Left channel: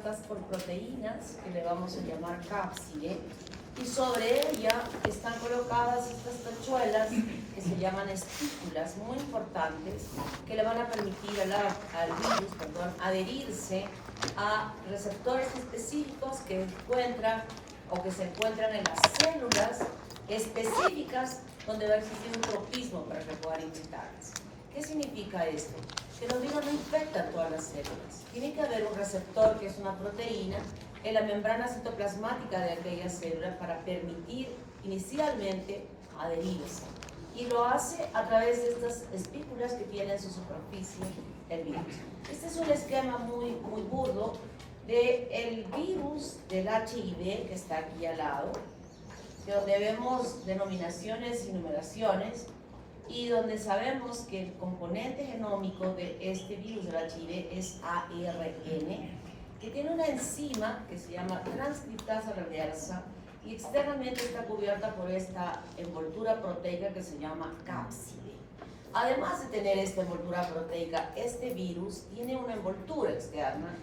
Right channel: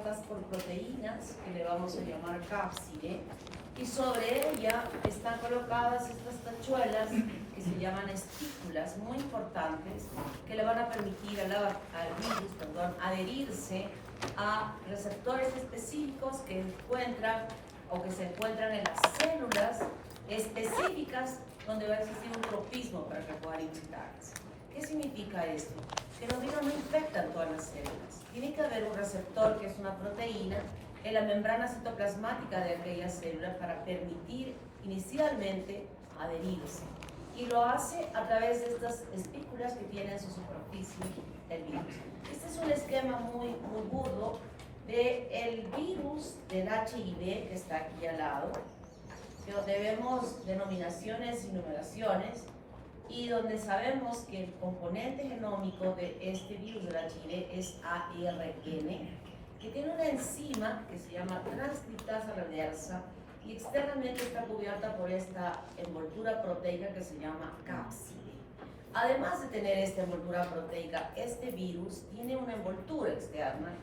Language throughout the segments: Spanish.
cubiertas por proteínas que le vamos a llamar cápside, y sobre ella están colocadas estas tachuelas que se llaman espículas muy importantes que le van a permitir al virus adherirse a receptores específicos que encuentran o que se encuentran en las células específicas donde va a existir un tropismo para que puedan infectarlas. ¿Qué significa esto? Que los virus no infectan todas las células. Tiene que haber un receptor, que es una proteína, en la membrana citoplasmática de aquella célula para permitir inicialmente adherirse. Y lo hace a través de estas espículas que tiene en su superficie el virus. Este es un esquema muy burdo del virus del HIV que está aquí al lado, donde vemos denominaciones y numeraciones, y donde sabemos que el componente genómico de este virus del HIV es ARN, que tiene una enzima que se llama transcriptasa reversa y externamente está cubierta por esta envoltura proteica que se llama cápside. Además de tener esta envoltura proteica, este virus tiene una envoltura externa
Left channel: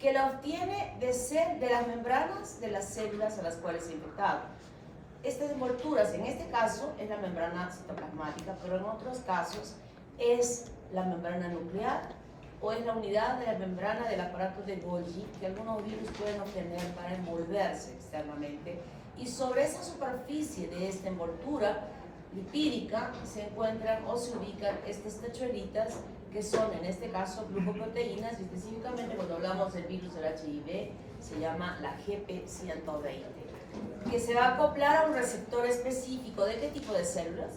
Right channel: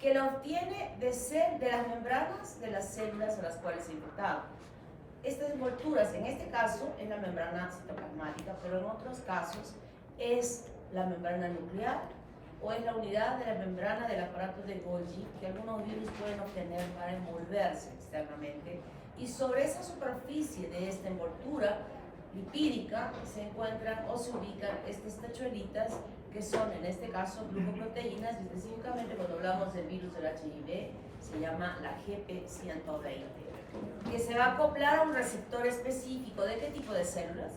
que la obtiene de las membranas de las células a las cuales se ha infectado. Estas envolturas, en este caso, es la membrana citoplasmática, pero en otros casos es la membrana nuclear o es la unidad de la membrana del aparato de Golgi que algunos virus pueden obtener para envolverse externamente. Y sobre esa superficie de esta envoltura lipídica se encuentran o se ubican estas tachuelitas que son, en este caso, glucoproteínas, y específicamente cuando hablamos del virus del HIV se llama la GP120, que se va a acoplar a un receptor específico. ¿De qué tipo de células?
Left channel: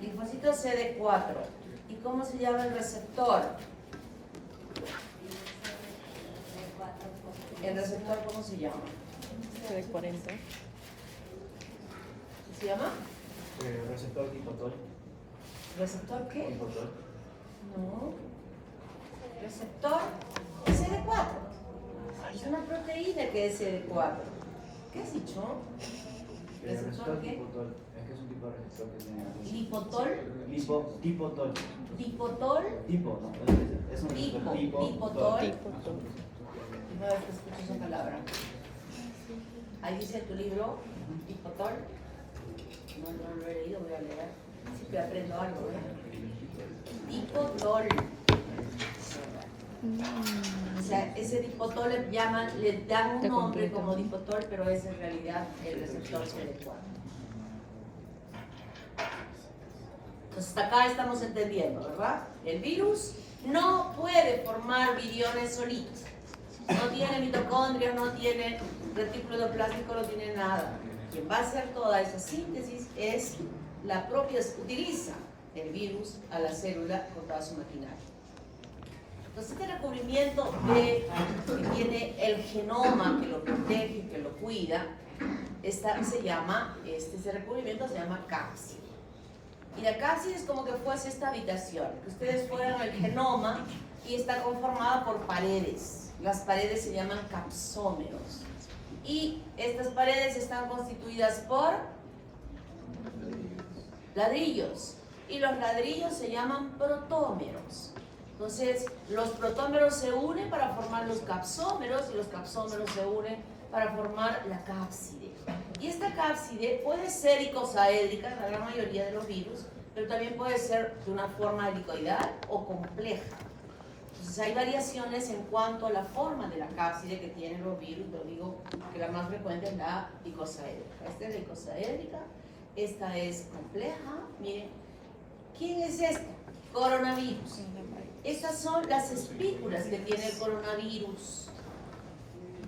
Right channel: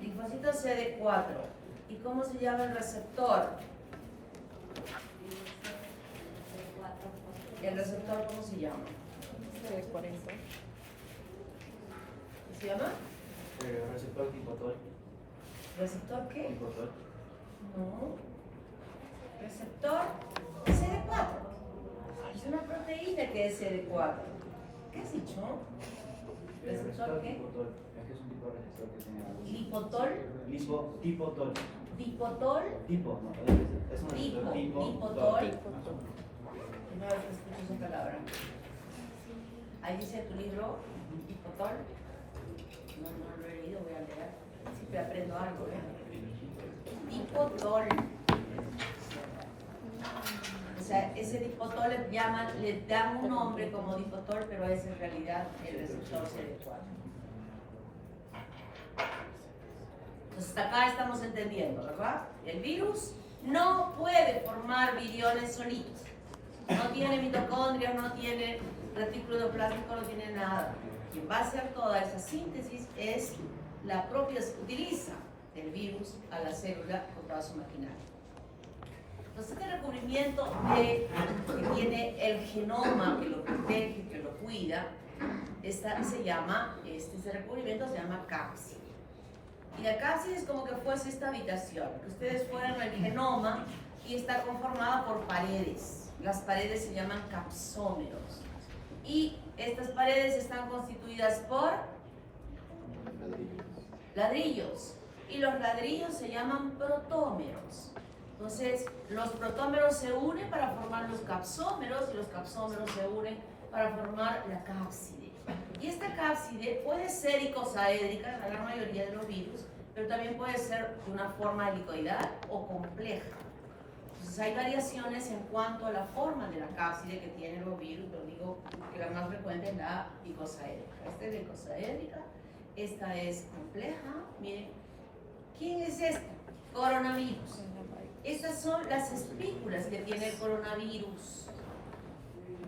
Linfocitos CD4. ¿Y cómo se llama el receptor? ¿El receptor cómo se llama? CD40. ¿Qué se llama? Receptor dipotol. ¿Receptor qué? Dipotol. No. Receptor CD4. Es una proteína que es CD4. ¿Qué has dicho? ¿Receptor qué? Dipotol. Es que es un tipo de receptor que tiene algo. ¿Lipotol? Dipotol. ¿Dipotol? Tipo, no. Es un receptor tipo. Dipotol. Primera vez que escucho esa palabra. Ahí dice en tu libro, dipotol. No lo he leído, voy a leer. Así que aprendo algo, ¿eh? Dipotol. O sea, ese dipotol le dan un nombre como dipotol, pero es en realidad el receptor CD4. Entonces, hasta acá estamos entendiendo, ¿verdad? El virus no puede formar viriones solitos. No tiene mitocondrias, no tiene retículo endoplástico, no tiene nada. Quien va a hacer toda esa síntesis es la propia, utiliza el virus a la célula con toda su maquinaria. Entonces, este recubrimiento que tiene el genoma, que lo protege, que lo cuida, este recubrimiento se llama cápside. Y la cápside es como que fuese esta habitación, que ustedes fueran al genoma y está conformada por paredes. Las paredes se llaman capsómeros. Y estas paredes están constituidas por ladrillos. Y los ladrillos se llaman protómeros. Entonces, los protómeros se unen para formar los capsómeros y los capsómeros se unen para formar la cápside. Y esta cápside puede ser icosaédrica, la gran mayoría de los virus, pero también puede ser de una forma helicoidal o compleja. Entonces, hay variaciones en cuanto a la forma de la cápside que tienen los virus. Lo digo que la más frecuente es la icosaédrica. Esta es la icosaédrica, esta es compleja. Miren, ¿quién es esta? Coronavirus. Estas son las espículas que tiene el coronavirus,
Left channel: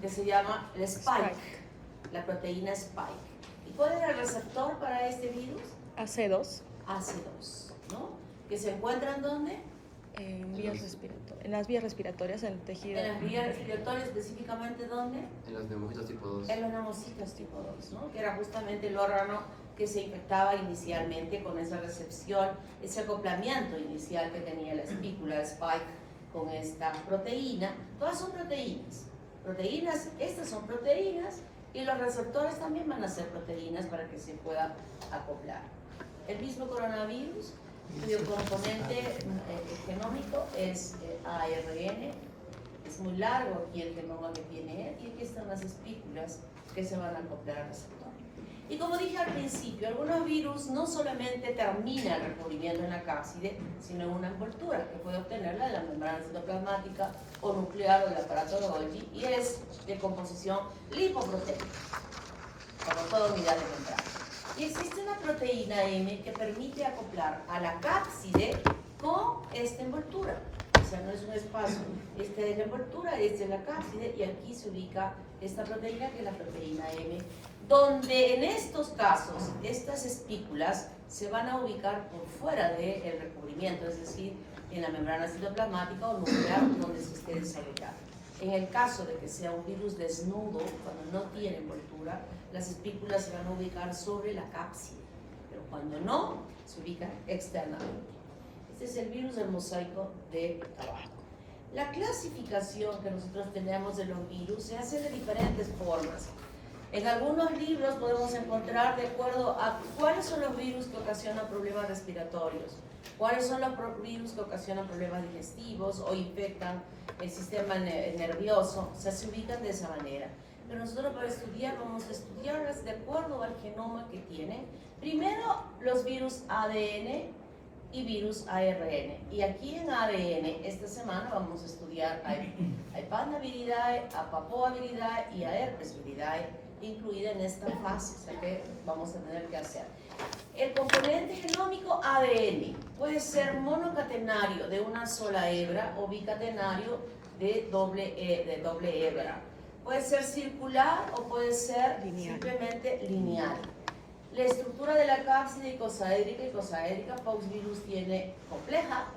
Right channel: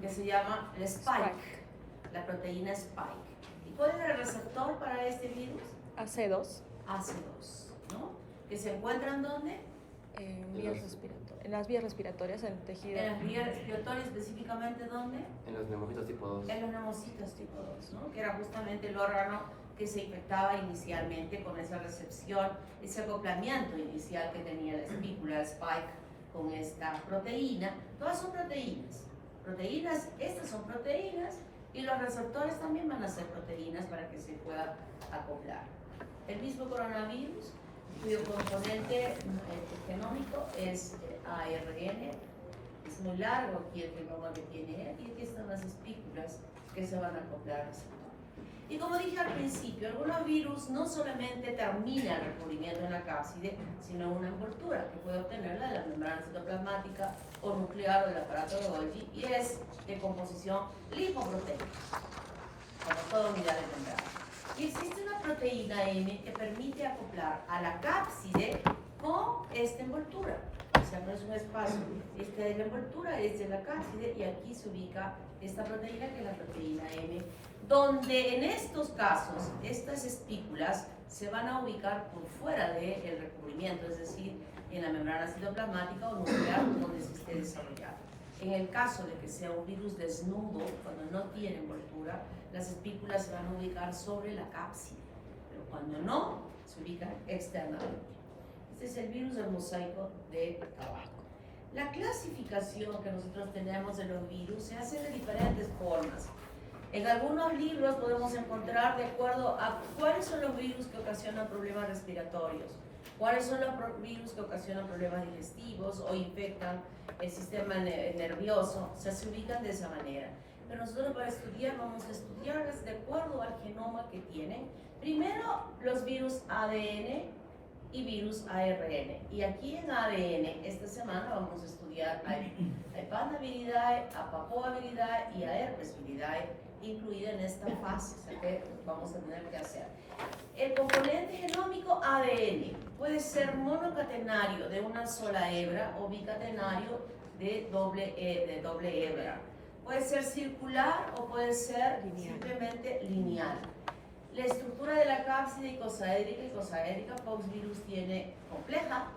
que se llama el spike, la proteína spike. ¿Y cuál es el receptor para este virus? AC2. AC2, ¿no? ¿Que se encuentran dónde? En las vías respiratorias, en el tejido. En las vías respiratorias, específicamente ¿dónde? En los neumocitos tipo 2. En los neumocitos tipo 2, ¿no? Que era justamente el órgano que se infectaba inicialmente con esa recepción, ese acoplamiento inicial que tenía la espícula de spike con esta proteína. Todas son proteínas. Proteínas, estas son proteínas, y los receptores también van a ser proteínas para que se pueda acoplar. El mismo coronavirus cuyo componente genómico es ARN. Es muy largo aquí el genoma que tiene él, y aquí están las espículas que se van a acoplar al receptor. Y como dije al principio, algunos virus no solamente terminan el recubrimiento en la cápside, sino en una envoltura que puede obtenerla de la membrana citoplasmática o nuclear o del aparato de Golgi, y es de composición lipoproteica, como toda unidad de membrana. Y existe una proteína M que permite acoplar a la cápside con esta envoltura. O sea, no es un espacio, este es la envoltura, este es la cápside, y aquí se ubica esta proteína, que es la proteína M, donde en estos casos estas espículas se van a ubicar por fuera del recubrimiento, es decir, en la membrana citoplasmática o nuclear donde se esté desarrollando. En el caso de que sea un virus desnudo, cuando no tiene envoltura, las espículas se van a ubicar sobre la cápside, pero cuando no, se ubican externamente. Este es el virus del mosaico de tabaco. La clasificación que nosotros tenemos de los virus se hace de diferentes formas. En algunos libros podemos encontrar de acuerdo a cuáles son los virus que ocasionan problemas respiratorios, cuáles son los virus que ocasionan problemas digestivos o infectan el sistema nervioso. O sea, se ubican de esa manera. Pero nosotros para estudiar vamos a estudiarlas de acuerdo al genoma que tienen. Primero, los virus ADN y virus ARN. Y aquí en ADN, esta semana vamos a estudiar a Ipandaviridae, a Papoaviridae y a Herpesviridae, incluida en esta fase, o sea que vamos a tener que hacer. El componente genómico ADN puede ser monocatenario de una sola hebra o bicatenario de doble hebra. Puede ser circular o puede ser simplemente lineal. La estructura de la cápside icosaédrica, Pauxvirus tiene compleja,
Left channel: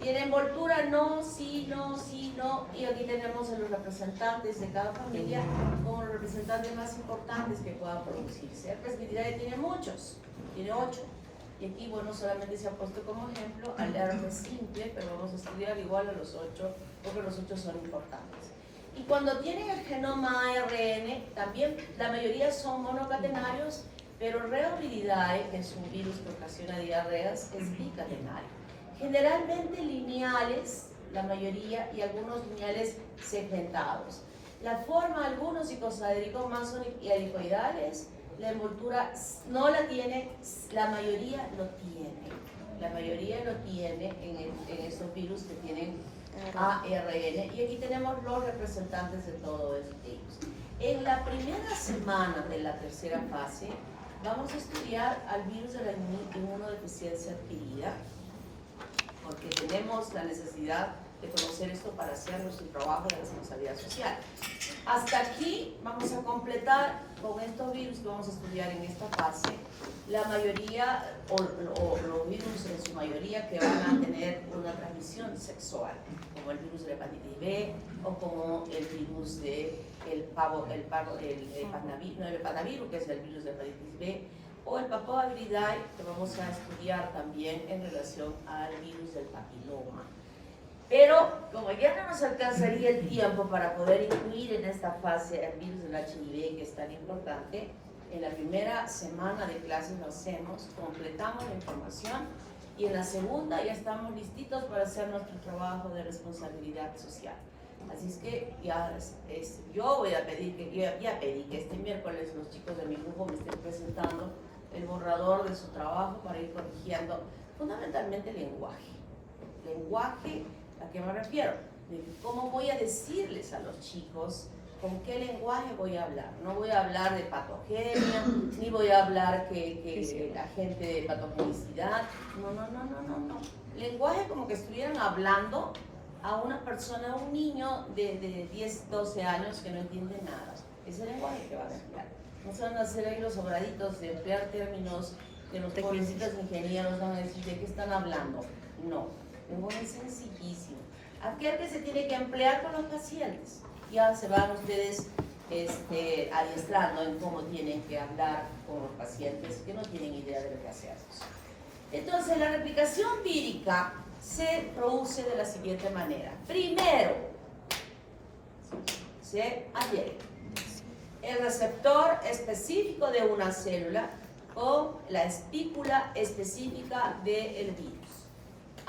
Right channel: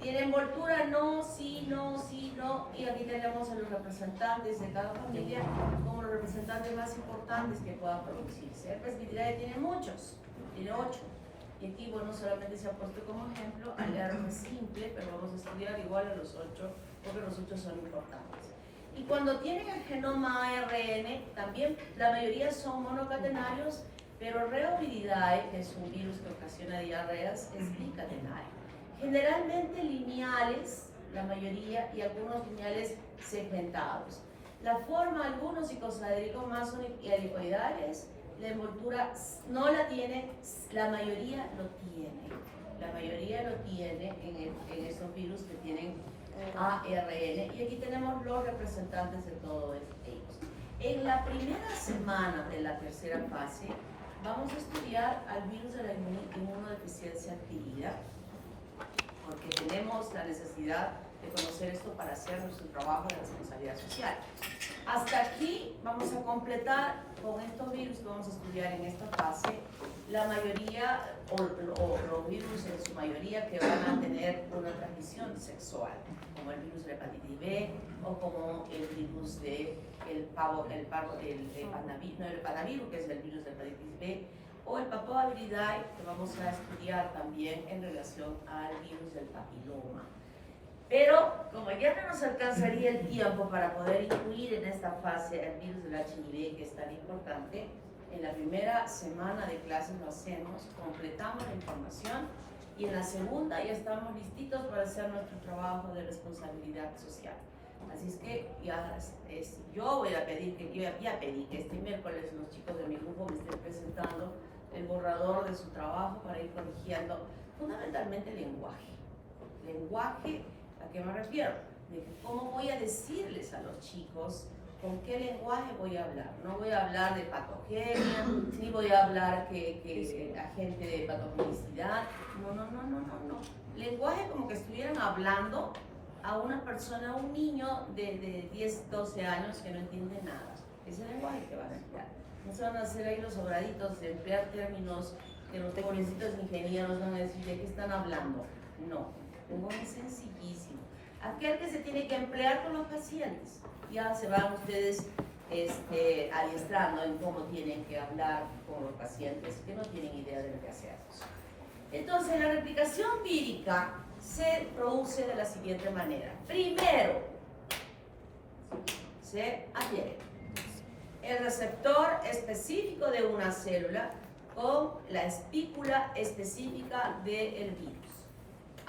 tiene envoltura no, sí, no, sí, no, y aquí tenemos a los representantes de cada familia como los representantes más importantes que puedan producirse. Herpesviridae tiene muchos, tiene 8, y aquí, bueno, solamente se ha puesto como ejemplo al herpes simple, pero vamos a estudiar igual a los 8, porque los 8 son importantes. Y cuando tienen el genoma ARN, también la mayoría son monocatenarios, pero Reoviridae, que es un virus que ocasiona diarreas, es bicatenario. Generalmente lineales, la mayoría, y algunos lineales segmentados. La forma, algunos icosaédricos más son helicoidales, la envoltura no la tiene, la mayoría lo tiene. La mayoría lo tiene en estos virus que tienen ARN, y aquí tenemos los representantes de todos ellos. En la primera semana de la tercera fase, vamos a estudiar al virus de la inmunodeficiencia adquirida, porque tenemos la necesidad de conocer esto para hacer nuestro trabajo de responsabilidad social. Hasta aquí vamos a completar con estos virus que vamos a estudiar en esta fase, la mayoría, o los virus en su mayoría que van a tener una transmisión sexual, como el virus de la hepatitis B, o como el virus de el panavirus, que es el virus de la hepatitis B, o el Papoaviridae, que vamos a estudiar también en relación al virus del papiloma. Pero como ya no nos alcanzaría el tiempo para poder incluir en esta fase el virus del HIV, que es tan importante, en la primera semana de clases lo hacemos, completamos la información, y en la segunda ya estamos listitos para hacer nuestro trabajo de responsabilidad social. Así es que yo voy a pedir que, ya pedí que este miércoles los chicos de mi grupo me estén presentando el borrador de su trabajo para ir corrigiendo fundamentalmente el lenguaje. Lenguaje, ¿a qué me refiero? De cómo voy a decirles a los chicos con qué lenguaje voy a hablar. No voy a hablar de patogenia, ni voy a hablar que la gente de patogenicidad. No. Lenguaje como que estuvieran hablando a una persona, a un niño de 10, 12 años que no entiende nada. Es el lenguaje que van a emplear. No se van a hacer ahí los sobraditos de emplear términos que los pobrecitos ingenieros van a decir de qué están hablando. No, el lenguaje es sencillísimo. Aquel que se tiene que emplear con los pacientes. Ya se van ustedes adiestrando en cómo tienen que hablar con los pacientes que no tienen idea de lo que hacemos. Entonces, la replicación vírica se produce de la siguiente manera. Primero, se adhiere el receptor específico de una célula con la espícula específica del virus.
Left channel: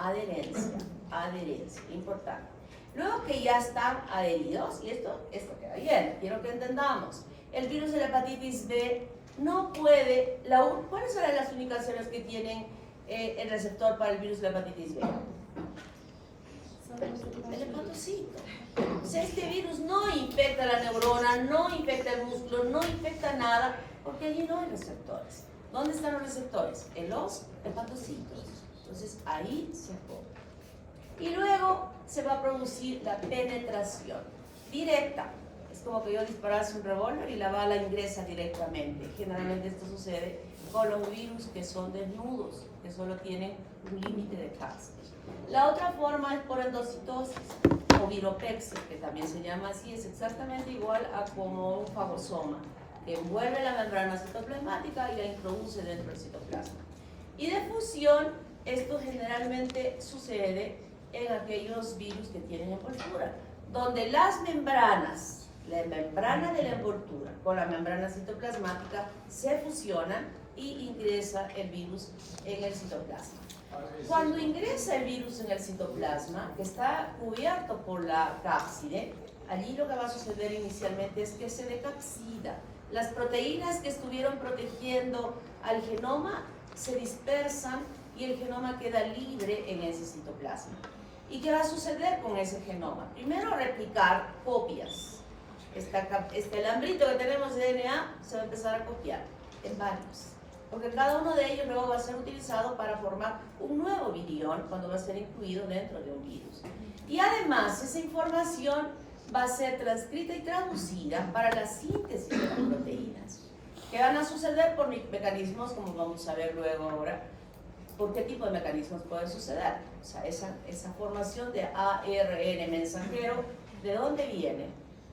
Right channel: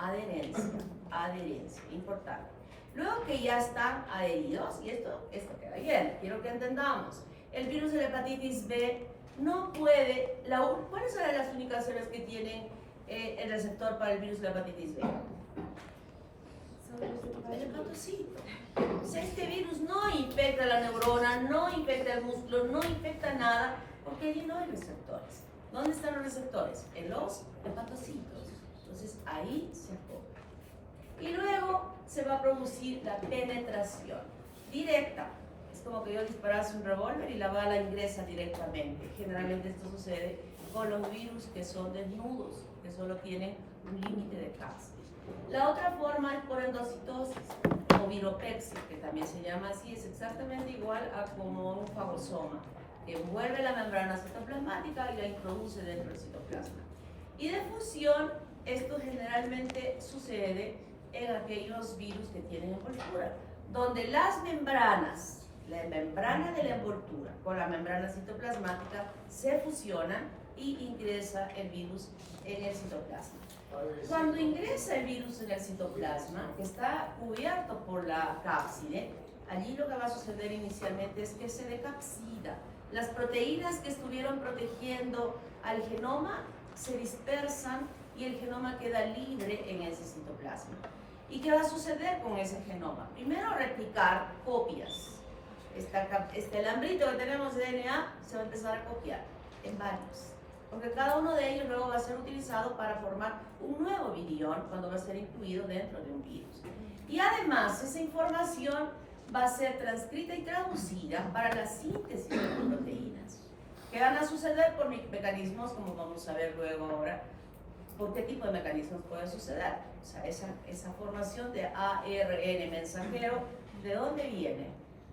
adherencia, importante. Luego que ya están adheridos, y esto queda bien, quiero que entendamos, el virus de la hepatitis B no puede, ¿cuáles son las únicas células que tienen el receptor para el virus de la hepatitis B? El hepatocito. O sea, este virus no infecta la neurona, no infecta el músculo, no infecta nada, porque allí no hay receptores. ¿Dónde están los receptores? En los hepatocitos. Entonces ahí se acopla. Y luego se va a producir la penetración directa. Es como que yo disparase un revólver y la bala ingresa directamente. Generalmente esto sucede con los virus que son desnudos, que solo tienen un límite de cápsula. La otra forma es por endocitosis o viropexia, que también se llama así, es exactamente igual a como un fagosoma, que envuelve la membrana citoplasmática y la introduce dentro del citoplasma. Y de fusión, esto generalmente sucede en aquellos virus que tienen envoltura, donde las membranas, la membrana de la envoltura con la membrana citoplasmática se fusionan y ingresa el virus en el citoplasma. Cuando ingresa el virus en el citoplasma, que está cubierto por la cápside, allí lo que va a suceder inicialmente es que se decapsida. Las proteínas que estuvieron protegiendo al genoma se dispersan y el genoma queda libre en ese citoplasma. ¿Y qué va a suceder con ese genoma? Primero, replicar copias. Este alambrito que tenemos de DNA se va a empezar a copiar en varios, porque cada uno de ellos luego va a ser utilizado para formar un nuevo virión cuando va a ser incluido dentro de un virus. Y además, esa información va a ser transcrita y traducida para la síntesis de las proteínas, que van a suceder por mecanismos, como vamos a ver luego ahora, por qué tipo de mecanismos puede suceder. O sea, esa formación de ARN mensajero, ¿de dónde viene?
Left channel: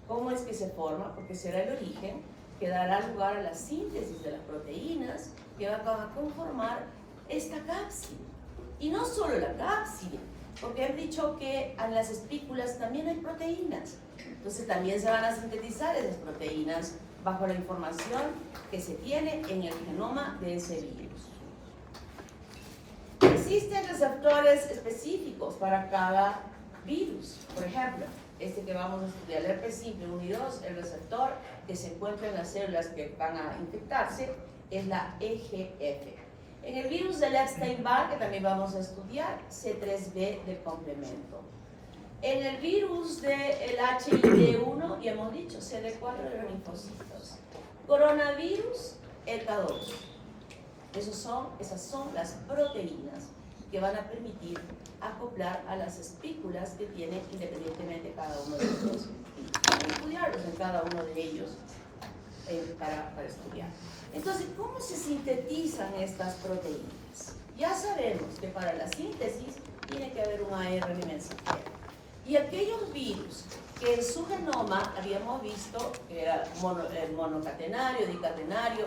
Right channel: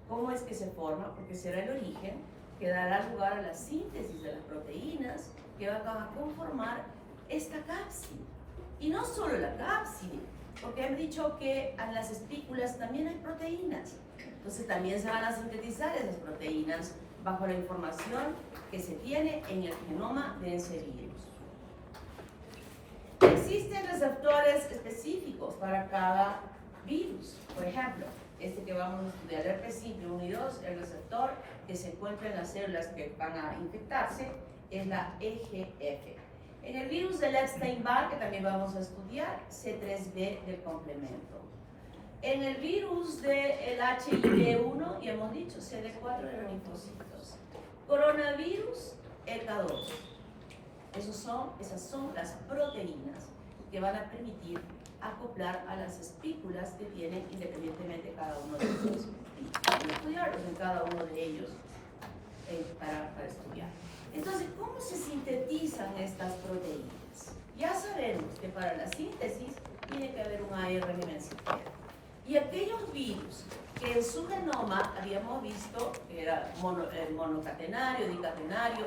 ¿Cómo es que se forma? Porque será el origen que dará lugar a la síntesis de las proteínas que van a conformar esta cápside. Y no solo la cápside, porque han dicho que en las espículas también hay proteínas. Entonces también se van a sintetizar esas proteínas bajo la información que se tiene en el genoma de ese virus. Existen receptores específicos para cada virus. Por ejemplo, este que vamos a estudiar, el herpes simple 1 y 2, el receptor que se encuentra en las células que van a infectarse es la EGF. En el virus del Epstein-Barr, que también vamos a estudiar, C3b del complemento. En el virus del HIV-1, ya hemos dicho, CD4 de los linfocitos. Coronavirus, ECA2. Esas son las proteínas que van a permitir acoplar a las espículas que tienen independientemente cada uno de ellos. Vamos a estudiarlos en cada uno de ellos para estudiar. Entonces, ¿cómo se sintetizan estas proteínas? Ya sabemos que para la síntesis tiene que haber un ARN mensajero. Y aquellos virus que en su genoma habíamos visto que era el monocatenario, dicatenario,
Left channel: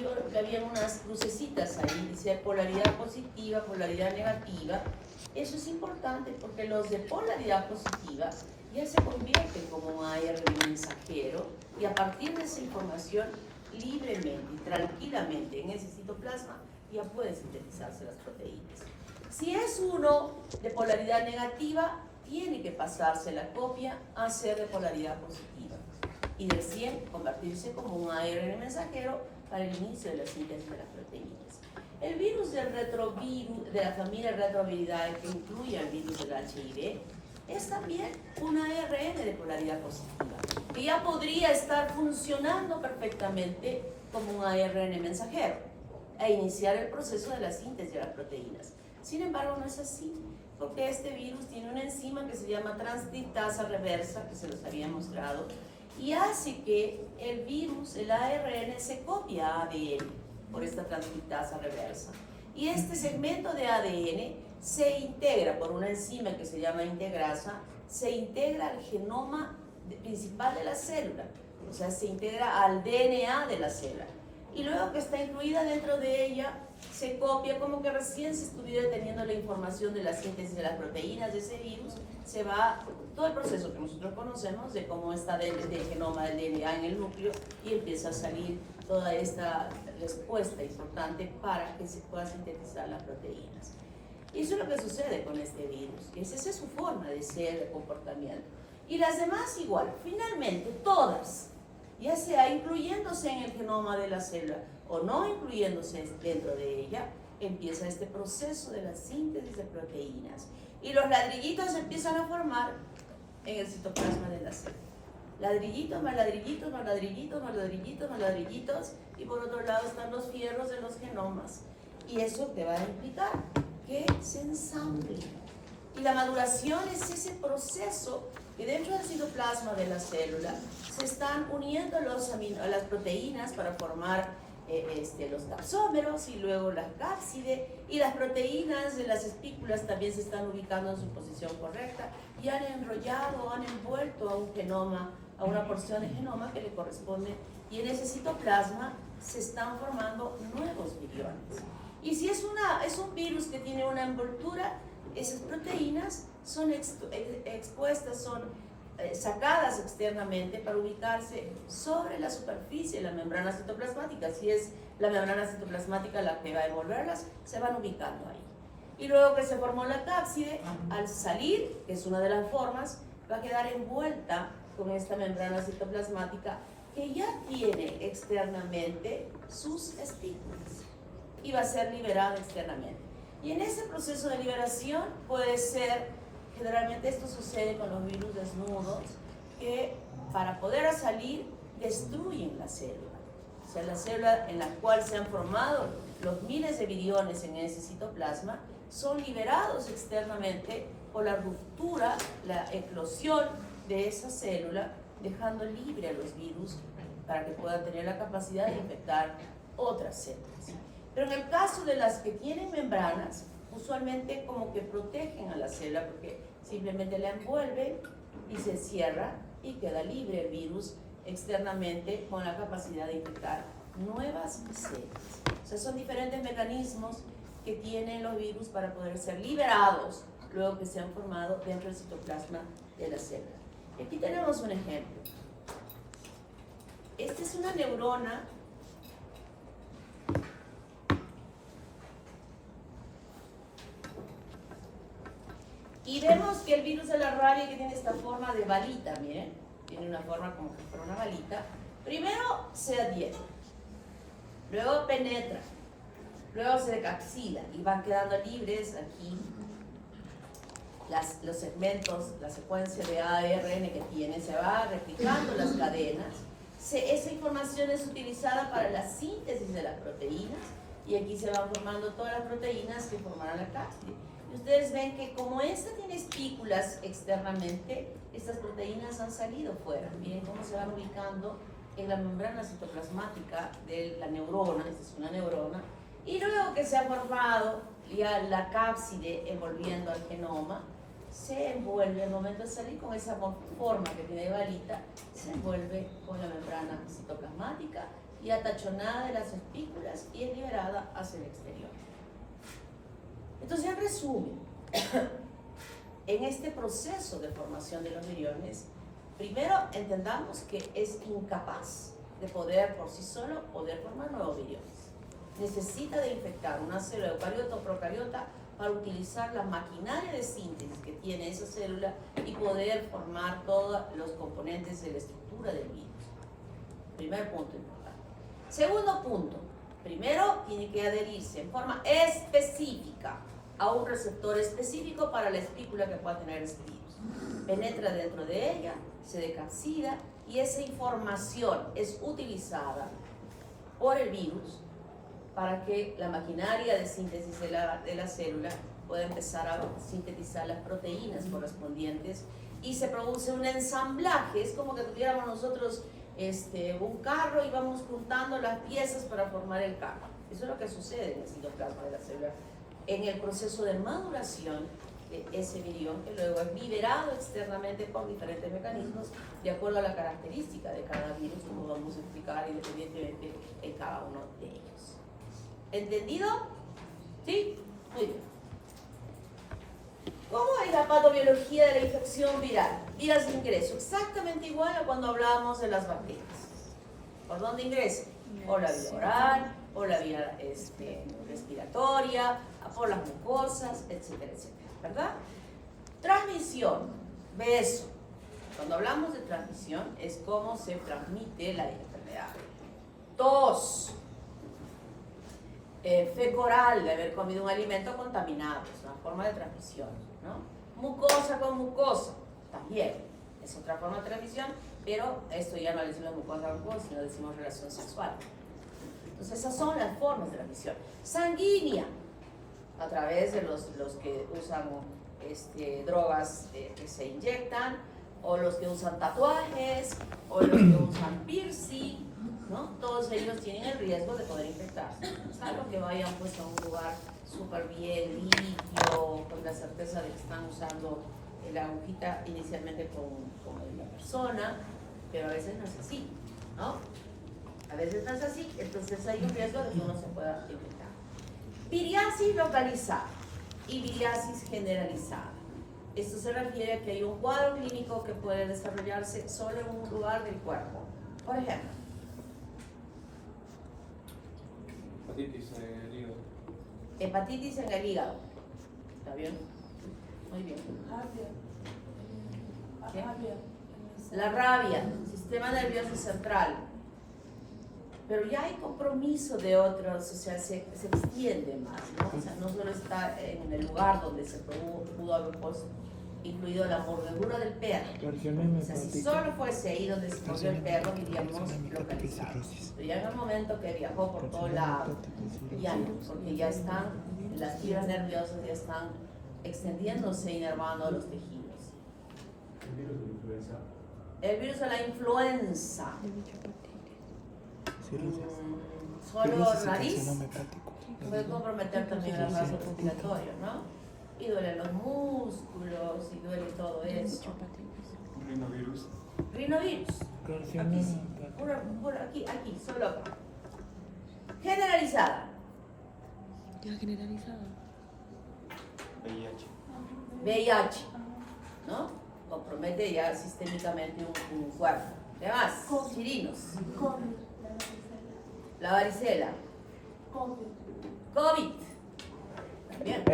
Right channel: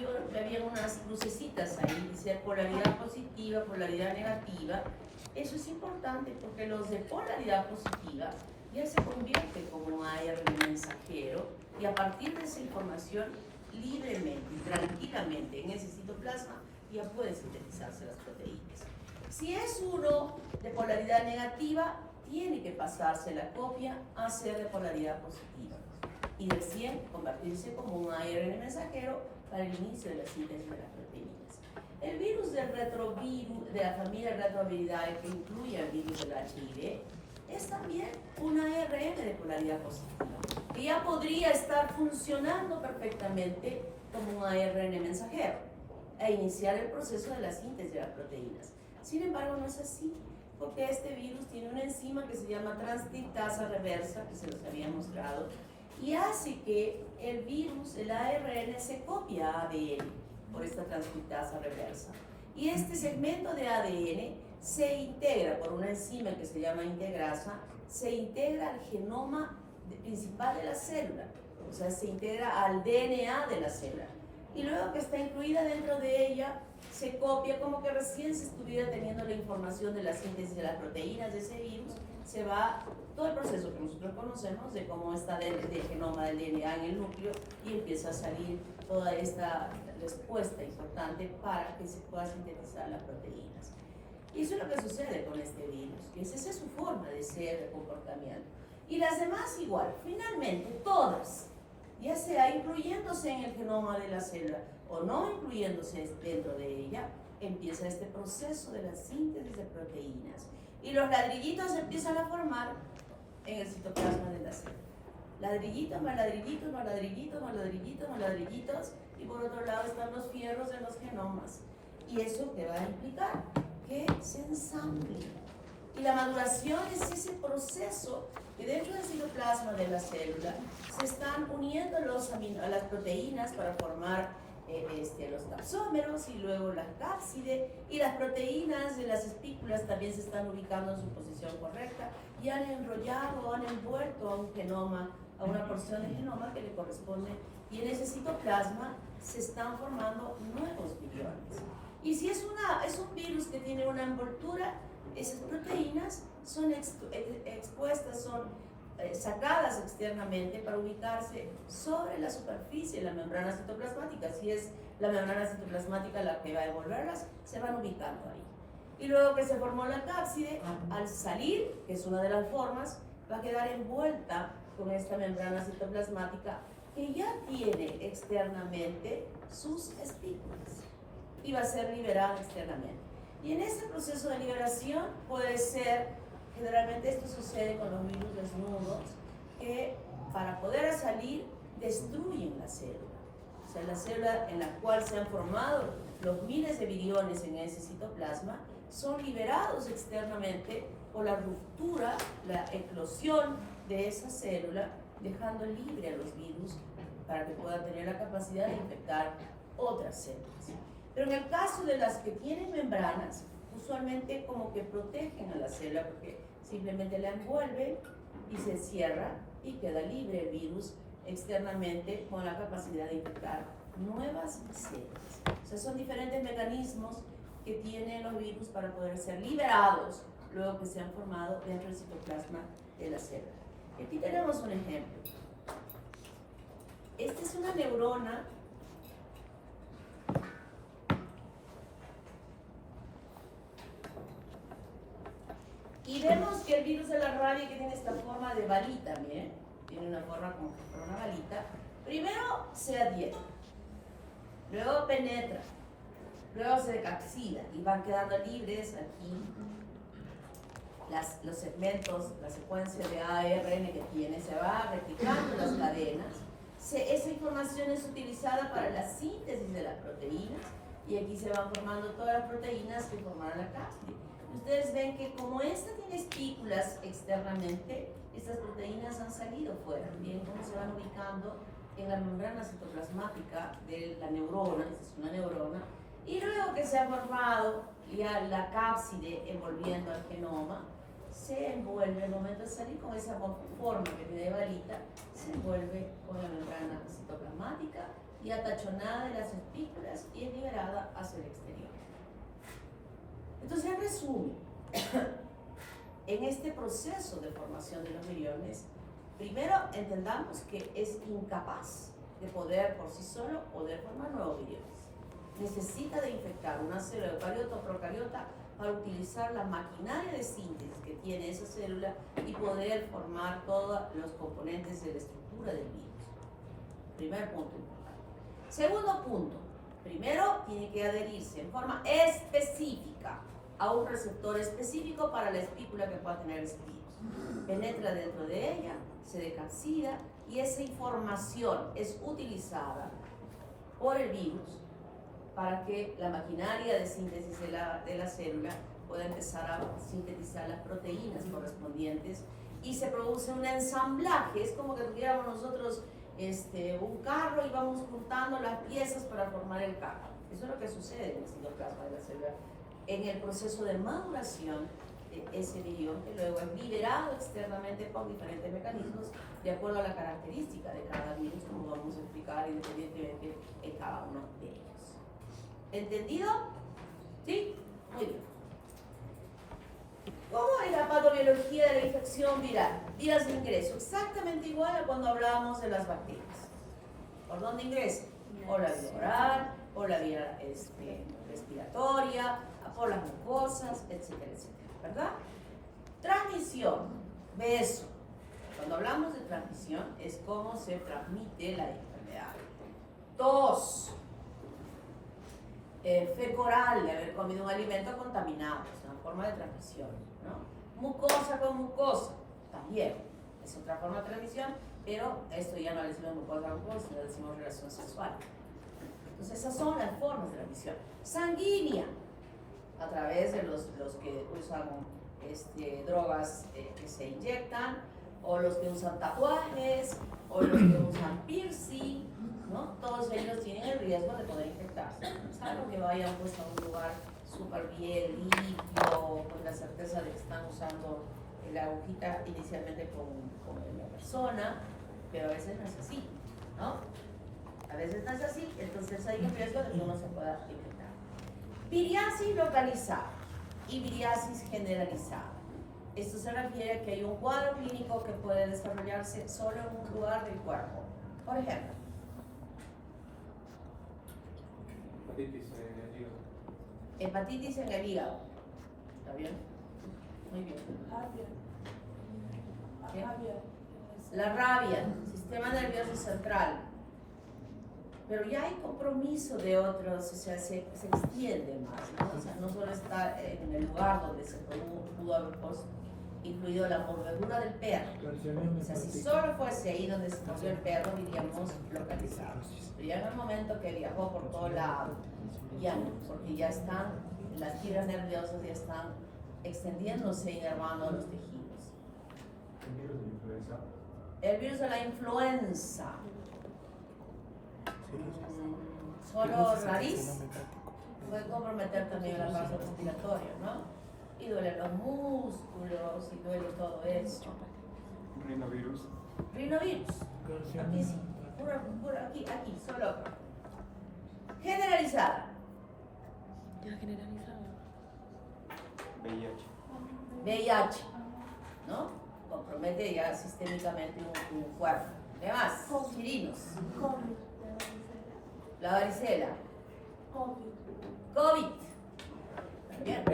y había unas lucecitas ahí, dice polaridad positiva, polaridad negativa. Eso es importante porque los de polaridad positiva ya se convierten como un ARN mensajero y a partir de esa información libremente y tranquilamente en ese citoplasma ya pueden sintetizarse las proteínas. Si es uno de polaridad negativa, tiene que pasarse la copia a ser de polaridad positiva y recién convertirse como un ARN mensajero para el inicio de la síntesis de las proteínas. El virus del retrovirus, de la familia Retroviridae, que incluye el virus del HIV, es también un ARN de polaridad positiva, que ya podría estar funcionando perfectamente como un ARN mensajero e iniciar el proceso de la síntesis de las proteínas. Sin embargo, no es así, porque este virus tiene una enzima que se llama transcriptasa reversa, que se los había mostrado, y hace que el virus, el ARN, se copia a ADN por esta transcriptasa reversa. Y este segmento de ADN se integra por una enzima que se llama integrasa, se integra al genoma principal de la célula, o sea, se integra al DNA de la célula. Y luego que está incluida dentro de ella, se copia como que recién se estuviera teniendo la información de la síntesis de las proteínas de ese virus, se va todo el proceso que nosotros conocemos de cómo está del genoma del DNA en el núcleo y empieza a salir toda esta respuesta importante para que se pueda sintetizar las proteínas. Y eso es lo que sucede con este virus. Esa es su forma de ser, de comportamiento. Y las demás igual. Finalmente, todas, ya sea incluyéndose en el genoma de la célula o no incluyéndose dentro de ella, empieza este proceso de la síntesis de proteínas. Y los ladrillitos se empiezan a formar en el citoplasma de la célula. Ladrillitos, más ladrillitos, más ladrillitos, más ladrillitos, más ladrillitos. Y por otro lado están los fierros de los genomas. Y eso te va a implicar que se ensamble. Y la maduración es ese proceso que dentro del citoplasma de la célula se están uniendo a las proteínas para formar los capsómeros y luego la cápside, y las proteínas de las espículas también se están ubicando en su posición correcta y han enrollado, han envuelto a un genoma, a una porción de genoma que le corresponde, y en ese citoplasma se están formando nuevos viriones. Y si es un virus que tiene una envoltura, esas proteínas son expuestas, son sacadas externamente para ubicarse sobre la superficie de la membrana citoplasmática. Si es la membrana citoplasmática la que va a envolverlas, se van ubicando ahí. Y luego que se formó la cápside, al salir, que es una de las formas, va a quedar envuelta con esta membrana citoplasmática que ya tiene externamente sus espículas y va a ser liberada externamente. Y en ese proceso de liberación puede ser, generalmente esto sucede con los virus desnudos, que para poder salir destruyen la célula. O sea, la célula en la cual se han formado los miles de viriones en ese citoplasma son liberados externamente por la ruptura, la eclosión de esa célula, dejando libre a los virus para que puedan tener la capacidad de infectar otras células. Pero en el caso de las que tienen membranas, usualmente como que protegen a la célula porque simplemente la envuelven y se cierra y queda libre el virus externamente con la capacidad de infectar nuevas células. O sea, son diferentes mecanismos que tienen los virus para poder ser liberados luego que se han formado dentro del citoplasma de la célula. Y aquí tenemos un ejemplo. Esta es una neurona y vemos que el virus de la rabia, que tiene esta forma de balita, miren, tiene una forma como que fuera una balita, primero se adhiere, luego penetra, luego se decapsida y van quedando libres aquí los segmentos, la secuencia de ARN que tiene, se va replicando las cadenas. Esa información es utilizada para la síntesis de las proteínas y aquí se van formando todas las proteínas que formarán la cápside. Ustedes ven que como esta tiene espículas externamente, estas proteínas han salido fuera. Miren cómo se van ubicando en la membrana citoplasmática de la neurona, esta es una neurona, y luego que se ha formado ya la cápside envolviendo al genoma, se envuelve, al momento de salir con esa forma que tiene de balita, se envuelve con la membrana citoplasmática y atachonada de las espículas y es liberada hacia el exterior. Entonces, en resumen, en este proceso de formación de los viriones, primero entendamos que es incapaz de poder por sí solo poder formar nuevos viriones. Necesita de infectar una célula eucariota o procariota para utilizar la maquinaria de síntesis que tiene esa célula y poder formar todos los componentes de la estructura del virus. Primer punto importante. Segundo punto, primero tiene que adherirse en forma específica a un receptor específico para la espícula que pueda tener ese virus. Penetra dentro de ella, se decapsida y esa información es utilizada por el virus para que la maquinaria de síntesis de la célula pueda empezar a sintetizar las proteínas correspondientes y se produce un ensamblaje. Es como que tuviéramos nosotros un carro y vamos juntando las piezas para formar el carro. Eso es lo que sucede en el citoplasma de la célula en el proceso de maduración de ese virión, que luego es liberado externamente por diferentes mecanismos de acuerdo a la característica de cada virus, como vamos a explicar independientemente en cada uno de ellos. ¿Entendido? ¿Sí? Muy bien. ¿Cómo es la patobiología de la infección viral? Vías de ingreso, exactamente igual a cuando hablábamos de las bacterias. ¿Por dónde ingresa? Por la vía oral, por la vía respiratoria, por las mucosas, etcétera, etcétera, ¿verdad? Transmisión, beso. Cuando hablamos de transmisión es cómo se transmite la enfermedad. Tos, fecal, de haber comido un alimento contaminado, es una forma de transmisión, ¿no? Mucosa con mucosa, también es otra forma de transmisión, pero esto ya no le decimos mucosa con mucosa, sino decimos relación sexual. Entonces esas son las formas de transmisión. Sanguínea, a través de los que usan drogas que se inyectan, o los que usan tatuajes, o los que usan piercing, ¿no? Todos ellos tienen el riesgo de poder infectarse. Salvo que vayan pues a un lugar súper bien limpio, con la certeza de que están usando la agujita inicialmente con la persona, pero a veces no es así, ¿no? A veces no es así, entonces hay un riesgo de que uno se pueda infectar. Viriasis localizada y viriasis generalizada. Esto se refiere a que hay un cuadro clínico que puede desarrollarse solo en un lugar del cuerpo. Por ejemplo, Hepatitis en el hígado. hepatitis en el hígado. ¿Está bien? Muy bien. ¿Qué? La rabia, sistema nervioso central. Pero ya hay compromiso de otros, o sea, se extiende más, ¿no? O sea, no solo está en el lugar donde se pudo haber pues, incluido la mordedura del perro. O sea, si solo fuese ahí donde se mordió el perro, diríamos localizado. Pero ya en el momento que viajó por todo lado, ya no, porque ya están, las fibras nerviosas ya están extendiéndose y inervando los tejidos. ¿El virus de influenza? El virus de la influenza. Solo nariz puede comprometer también el vaso respiratorio, ¿no? Y duelen los músculos y duele todo eso. Rinovirus. Rinovirus. Aquí sí. Aquí, solo acá. Generalizada. La generalizada. VIH. VIH, ¿no? Compromete ya sistémicamente un cuerpo. Además, chirinos. La varicela. COVID. También.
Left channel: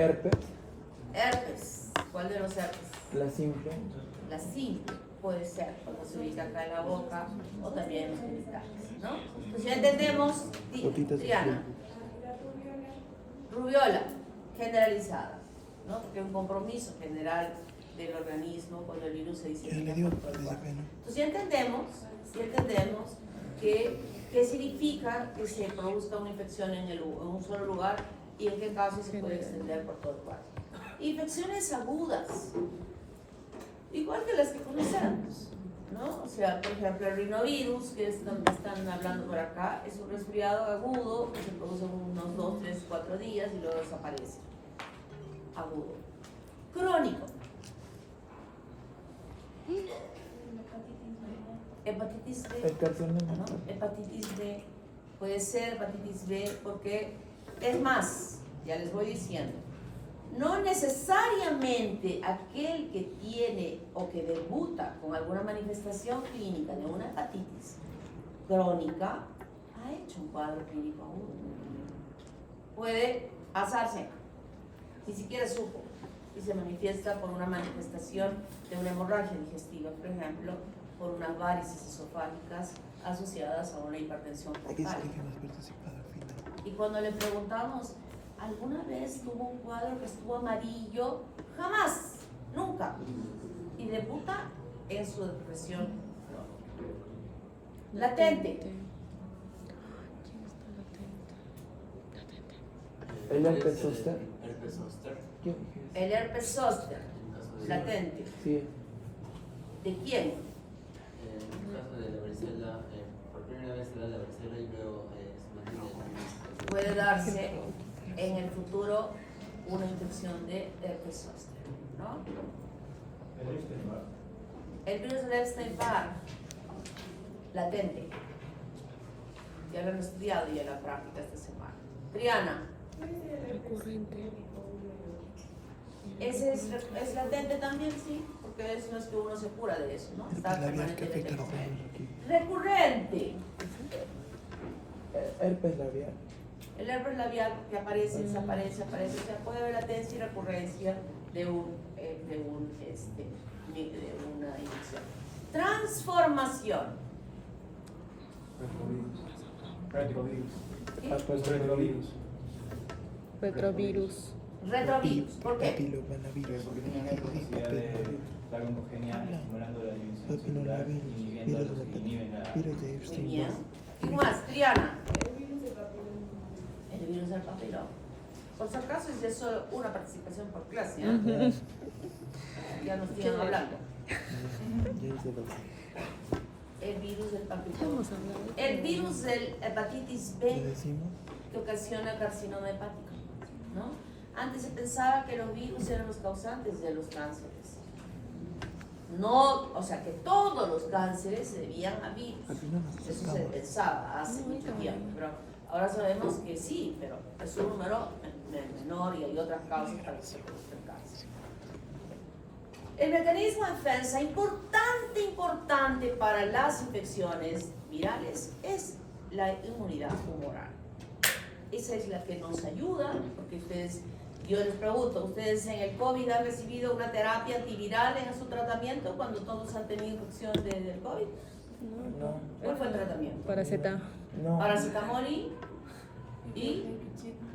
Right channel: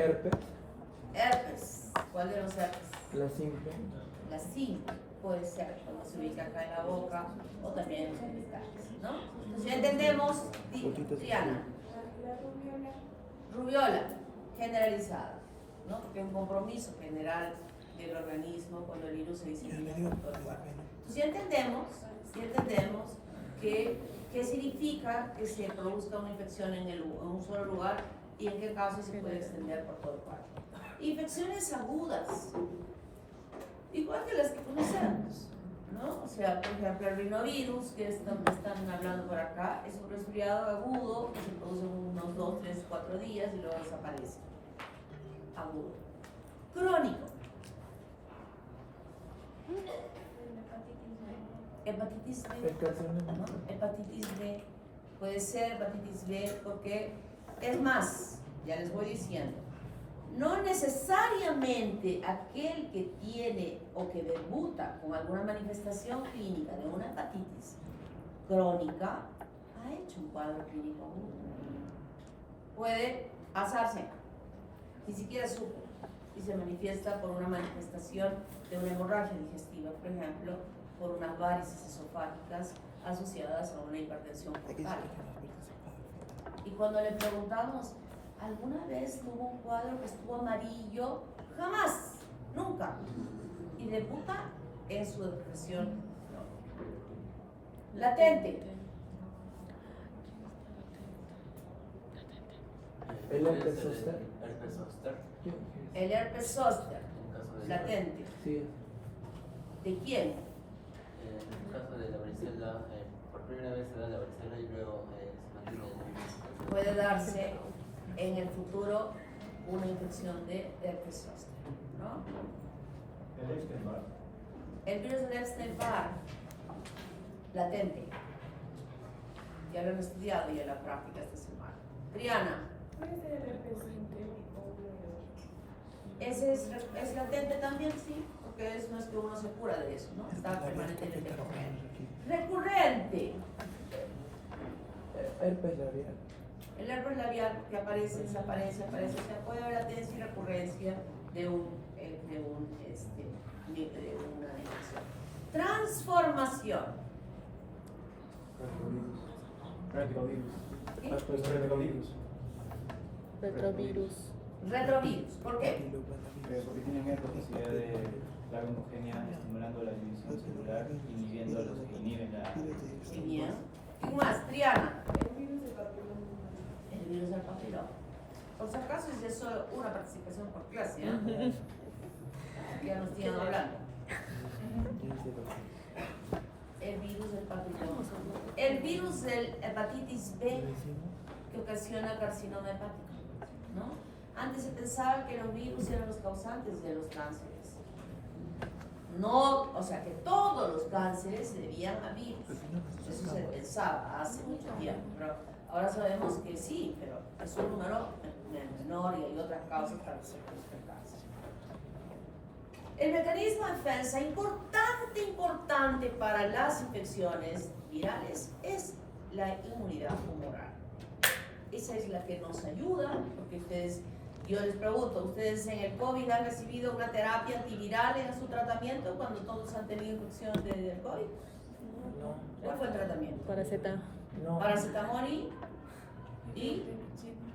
Herpes. ¿Cuál de los herpes? La simple. La simple puede ser cuando se ubica acá en la boca o también en los genitales, ¿no? Entonces ya entendemos, Triana. Rubiola, generalizada, ¿no? Porque es un compromiso general del organismo cuando el virus se disemina por todo el cuerpo. Entonces ya entendemos qué significa que se produzca una infección en un solo lugar y en qué caso se puede extender por todo el cuerpo. Infecciones agudas, igual que las que conocemos, ¿no? O sea, por ejemplo, el rinovirus, que están hablando por acá, es un resfriado agudo que se produce en unos 2, 3, 4 días y luego desaparece. Agudo. Crónico. Hepatitis B. ¿No? Hepatitis B. Puede ser hepatitis B porque, es más, ya les voy diciendo, no necesariamente aquel que tiene o que debuta con alguna manifestación clínica de una hepatitis crónica ha hecho un cuadro clínico agudo. Puede pasarse, ni siquiera supo, y se manifiesta por una manifestación de una hemorragia digestiva, por ejemplo, por unas varices esofágicas asociadas a una hipertensión portal. Y cuando le preguntamos, ¿alguna vez tuvo un cuadro que estuvo amarillo? Jamás, nunca. Y debuta en su depresión crónica. Latente. ¿El herpes zóster? Herpes zóster. El herpes zóster, latente. Sí. ¿De quién? En el caso de la varicela, por primera vez se da la varicela y luego se mantiene el virus. Puede darse en el futuro una infección de herpes zóster, ¿no? ¿El Epstein-Barr? El virus del Epstein-Barr, latente. Ya lo hemos estudiado ya en la práctica esta semana. Triana. Ese es latente también, sí, porque eso es que uno se cura de eso, ¿no? Está permanentemente con él. Recurrente. Herpes labial. El herpes labial que aparece, desaparece, aparece, o sea, puede haber latencia y recurrencia de una infección. Transformación. Retrovirus. ¿Sí? Retrovirus. Retrovirus. ¿Por qué? Porque tienen la capacidad de dar homogénea estimulando la división celular, inhibiendo a los que inhiben la... Muy bien. ¿Qué más? Triana. El virus del papiloma. Por si acaso es ya solo una participación por clase, ¿eh? Ya nos sigan hablando. El virus del papiloma. El virus del hepatitis B que ocasiona carcinoma hepático, ¿no? Antes se pensaba que los virus eran los causantes de los cánceres. No, o sea, que todos los cánceres se debían a virus. Eso se pensaba hace mucho tiempo, pero ahora sabemos que sí, pero es un número menor y hay otras causas para que se produzca el cáncer. El mecanismo de defensa importante para las infecciones virales es la inmunidad humoral. Esa es la que nos ayuda, porque yo les pregunto, ¿ustedes en el COVID han recibido una terapia antiviral en su tratamiento cuando todos han tenido infección del COVID? No. ¿Cuál fue el tratamiento? Paracetamol. No. Paracetamol y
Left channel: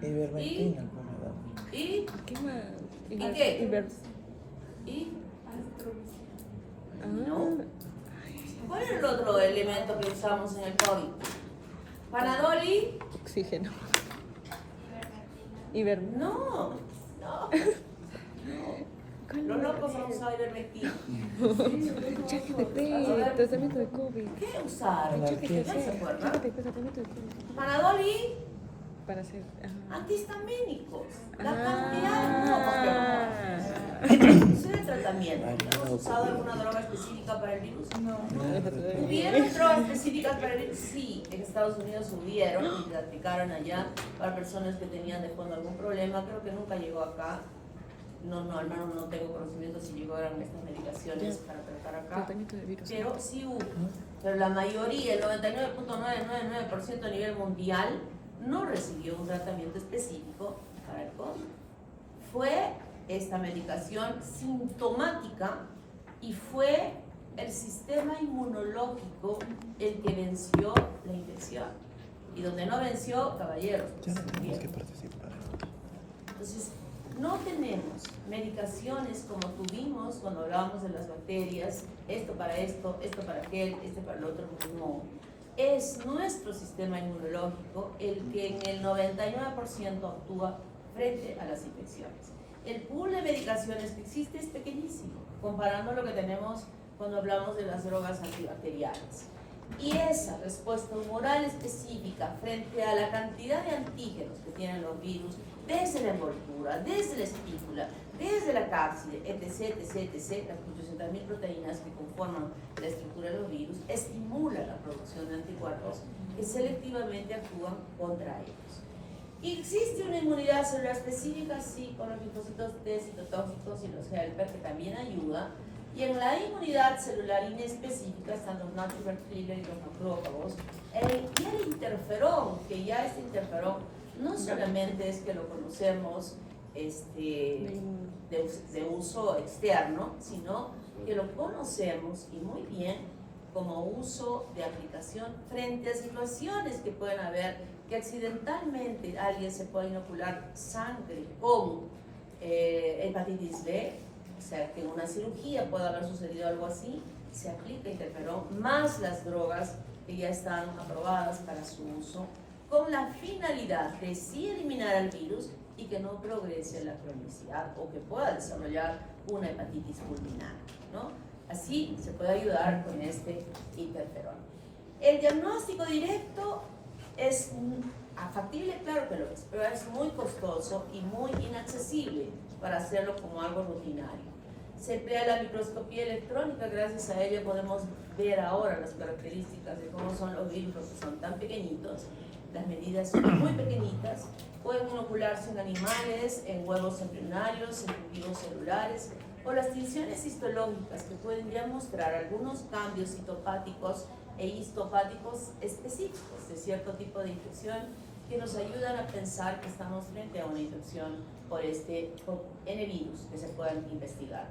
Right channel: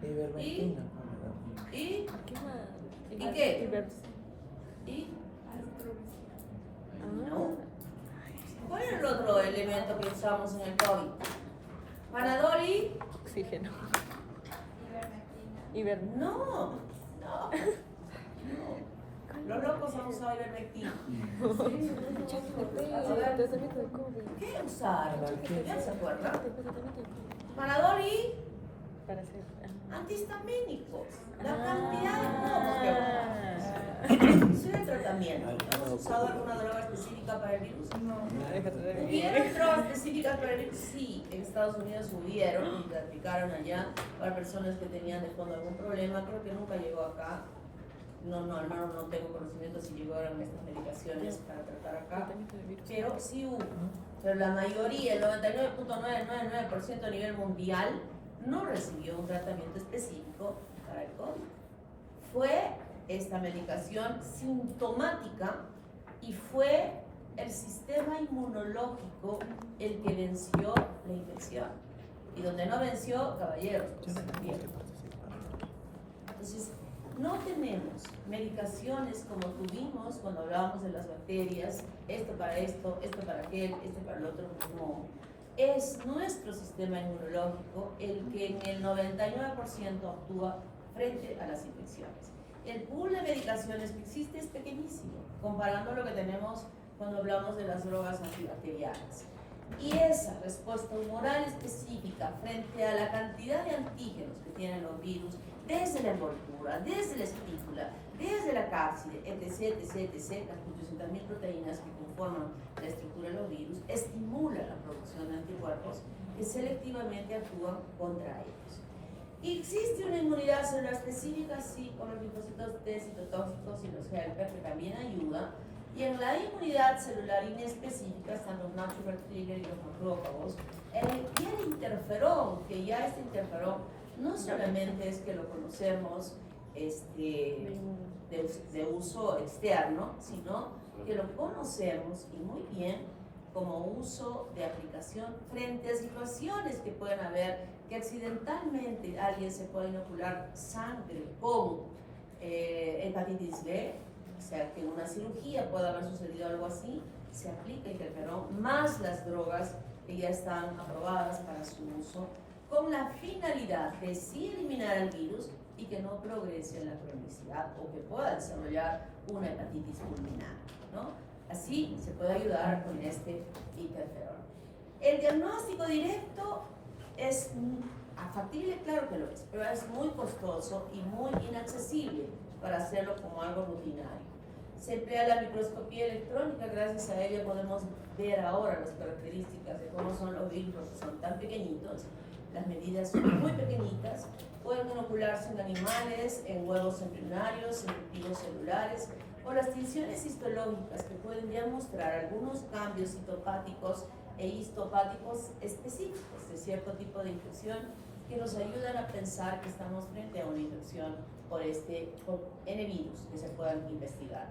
Ivermectina. ¿y ¿Qué más? ¿Y qué? ¿Y? no. ¿Cuál era el otro elemento que usamos en el COVID? Panadol y Oxígeno. no. Los locos han usado ivermectina. Tratamiento de COVID. ¿Qué usaron? ¿No se acuerdan? Tratamiento de COVID. Panadol y Para hacer. antihistamínicos. La cantidad de globos. Ese era el tratamiento. ¿Hemos usado alguna droga específica para el virus? No. ¿Hubieron drogas específicas para el virus? Sí, en Estados Unidos hubieron y la aplicaron allá para personas que tenían de fondo algún problema. Creo que nunca llegó acá. No, al menos no tengo conocimiento si llegaron estas medicaciones para tratar acá. Tratamiento de virus. Pero sí hubo. Pero la mayoría, el 99.999% a nivel mundial, no recibió un tratamiento específico para el COVID. Fue esta medicación sintomática y fue el sistema inmunológico el que venció la infección. Y donde no venció, caballeros, pues, también. Entonces, no tenemos medicaciones como tuvimos cuando hablábamos de las bacterias, esto para aquel, este para el otro, no. Es nuestro sistema inmunológico el que en el 99% actúa frente a las infecciones. El pool de medicaciones que existe es pequeñísimo, comparando lo que tenemos cuando hablamos de las drogas antibacteriales. Y esa respuesta humoral específica frente a la cantidad de antígenos que tienen los virus, desde la envoltura, desde la espícula, desde la cápside, etc., las 800.000 proteínas que conforman la estructura de los virus, estimula la producción de anticuerpos que selectivamente actúan contra ellos. ¿Y existe una inmunidad celular específica? Sí, con los linfocitos T citotóxicos y los helper, que también ayuda. Y en la inmunidad celular inespecífica están los natural killer y los macrófagos. Y el interferón, que ya este interferón no solamente es que lo conocemos de uso externo, sino que lo conocemos y muy bien como uso de aplicación frente a situaciones que pueden haber, que accidentalmente alguien se puede inocular sangre con hepatitis B, o sea, que en una cirugía puede haber sucedido algo así, se aplica interferón más las drogas que ya están aprobadas para su uso, con la finalidad de sí eliminar el virus y que no progrese en la cronicidad o que pueda desarrollar una hepatitis fulminante, ¿no? Así se puede ayudar con este interferón. El diagnóstico directo es factible, claro que lo es, pero es muy costoso y muy inaccesible para hacerlo como algo rutinario. Se emplea la microscopía electrónica, gracias a ella podemos ver ahora las características de cómo son los virus, que son tan pequeñitos, las medidas son muy pequeñitas, pueden inocularse en animales, en huevos embrionarios, en cultivos celulares, o las tensiones histológicas que pueden ya mostrar algunos cambios citopáticos e histopáticos específicos de cierto tipo de infección que nos ayudan a pensar que estamos frente a una infección por este N virus que se puedan investigar.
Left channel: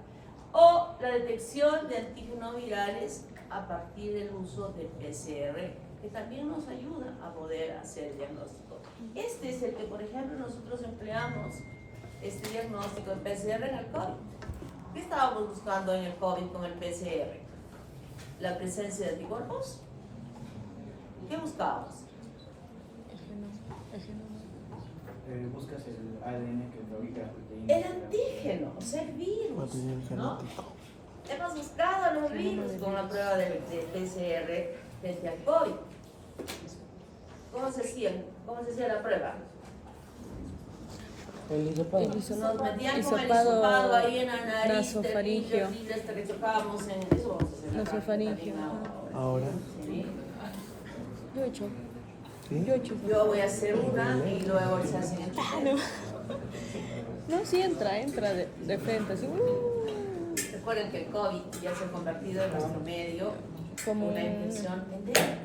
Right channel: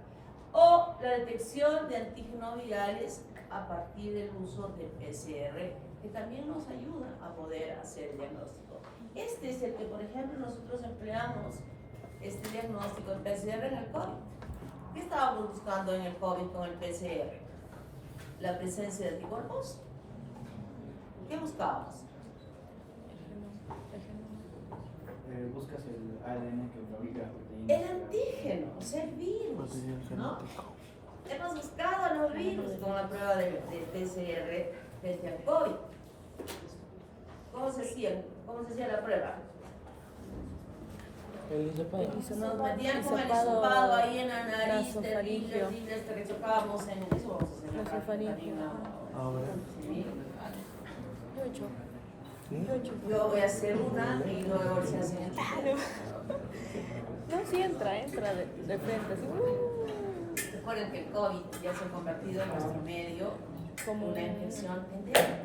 O la detección de antígenos virales a partir del uso del PCR, que también nos ayuda a poder hacer el diagnóstico. Este es el que, por ejemplo, nosotros empleamos, este diagnóstico en PCR en el COVID. ¿Qué estábamos buscando en el COVID con el PCR? La presencia de anticuerpos. ¿Qué buscábamos? Buscas el ADN que fabrica la proteína. El antígeno, o sea, el virus, ¿no? Hemos buscado los virus con la prueba de PCR frente al COVID. ¿Cómo se hacía la prueba? El hisopado. Nos metían con el hisopado ahí en la nariz, terrible, hasta que chocábamos en eso. Vamos a hacer la práctica también ahora. Sí. Yo voy a hacer una y luego se hacen el antígeno. No, sí entra de frente. Sí. Recuerden que el COVID ya se ha convertido en nuestro medio como una infección endémica.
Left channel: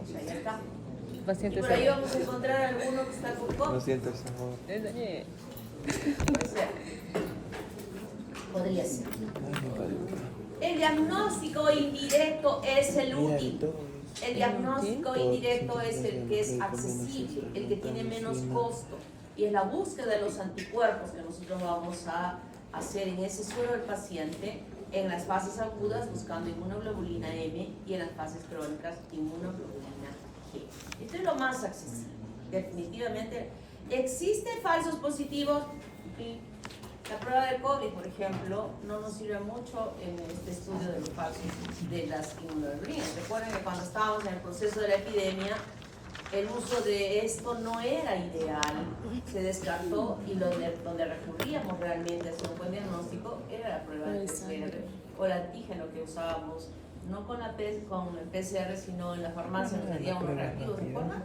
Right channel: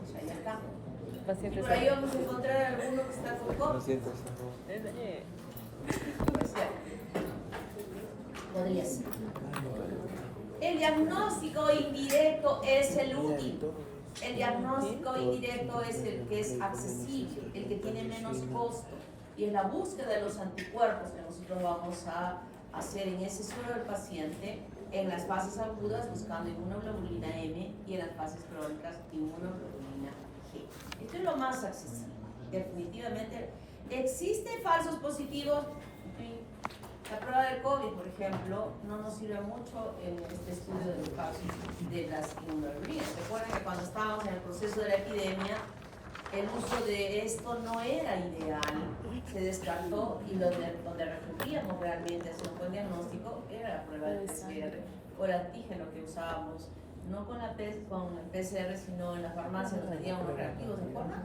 O sea, ya está. Y por ahí vamos a encontrar alguno que está con COVID. Puede ser. Podría ser. El diagnóstico indirecto es el útil. El diagnóstico indirecto es el que es accesible, el que tiene menos costo. Y es la búsqueda de los anticuerpos que nosotros vamos a hacer en ese suero del paciente en las fases agudas buscando inmunoglobulina M y en las fases crónicas inmunoglobulina G. Esto es lo más accesible. Definitivamente, ¿existen falsos positivos? Sí. La prueba del COVID, por ejemplo, no nos sirve mucho en este estudio de los falsos de las inmunoglobulinas. Recuerden que cuando estábamos en el proceso de la epidemia, el uso de esto no era ideal, se descartó y donde recurríamos realmente a hacer un buen diagnóstico era la prueba del PCR o el antígeno que usábamos, no con el PCR, sino en la farmacia nos hacíamos los reactivos, ¿se acuerdan?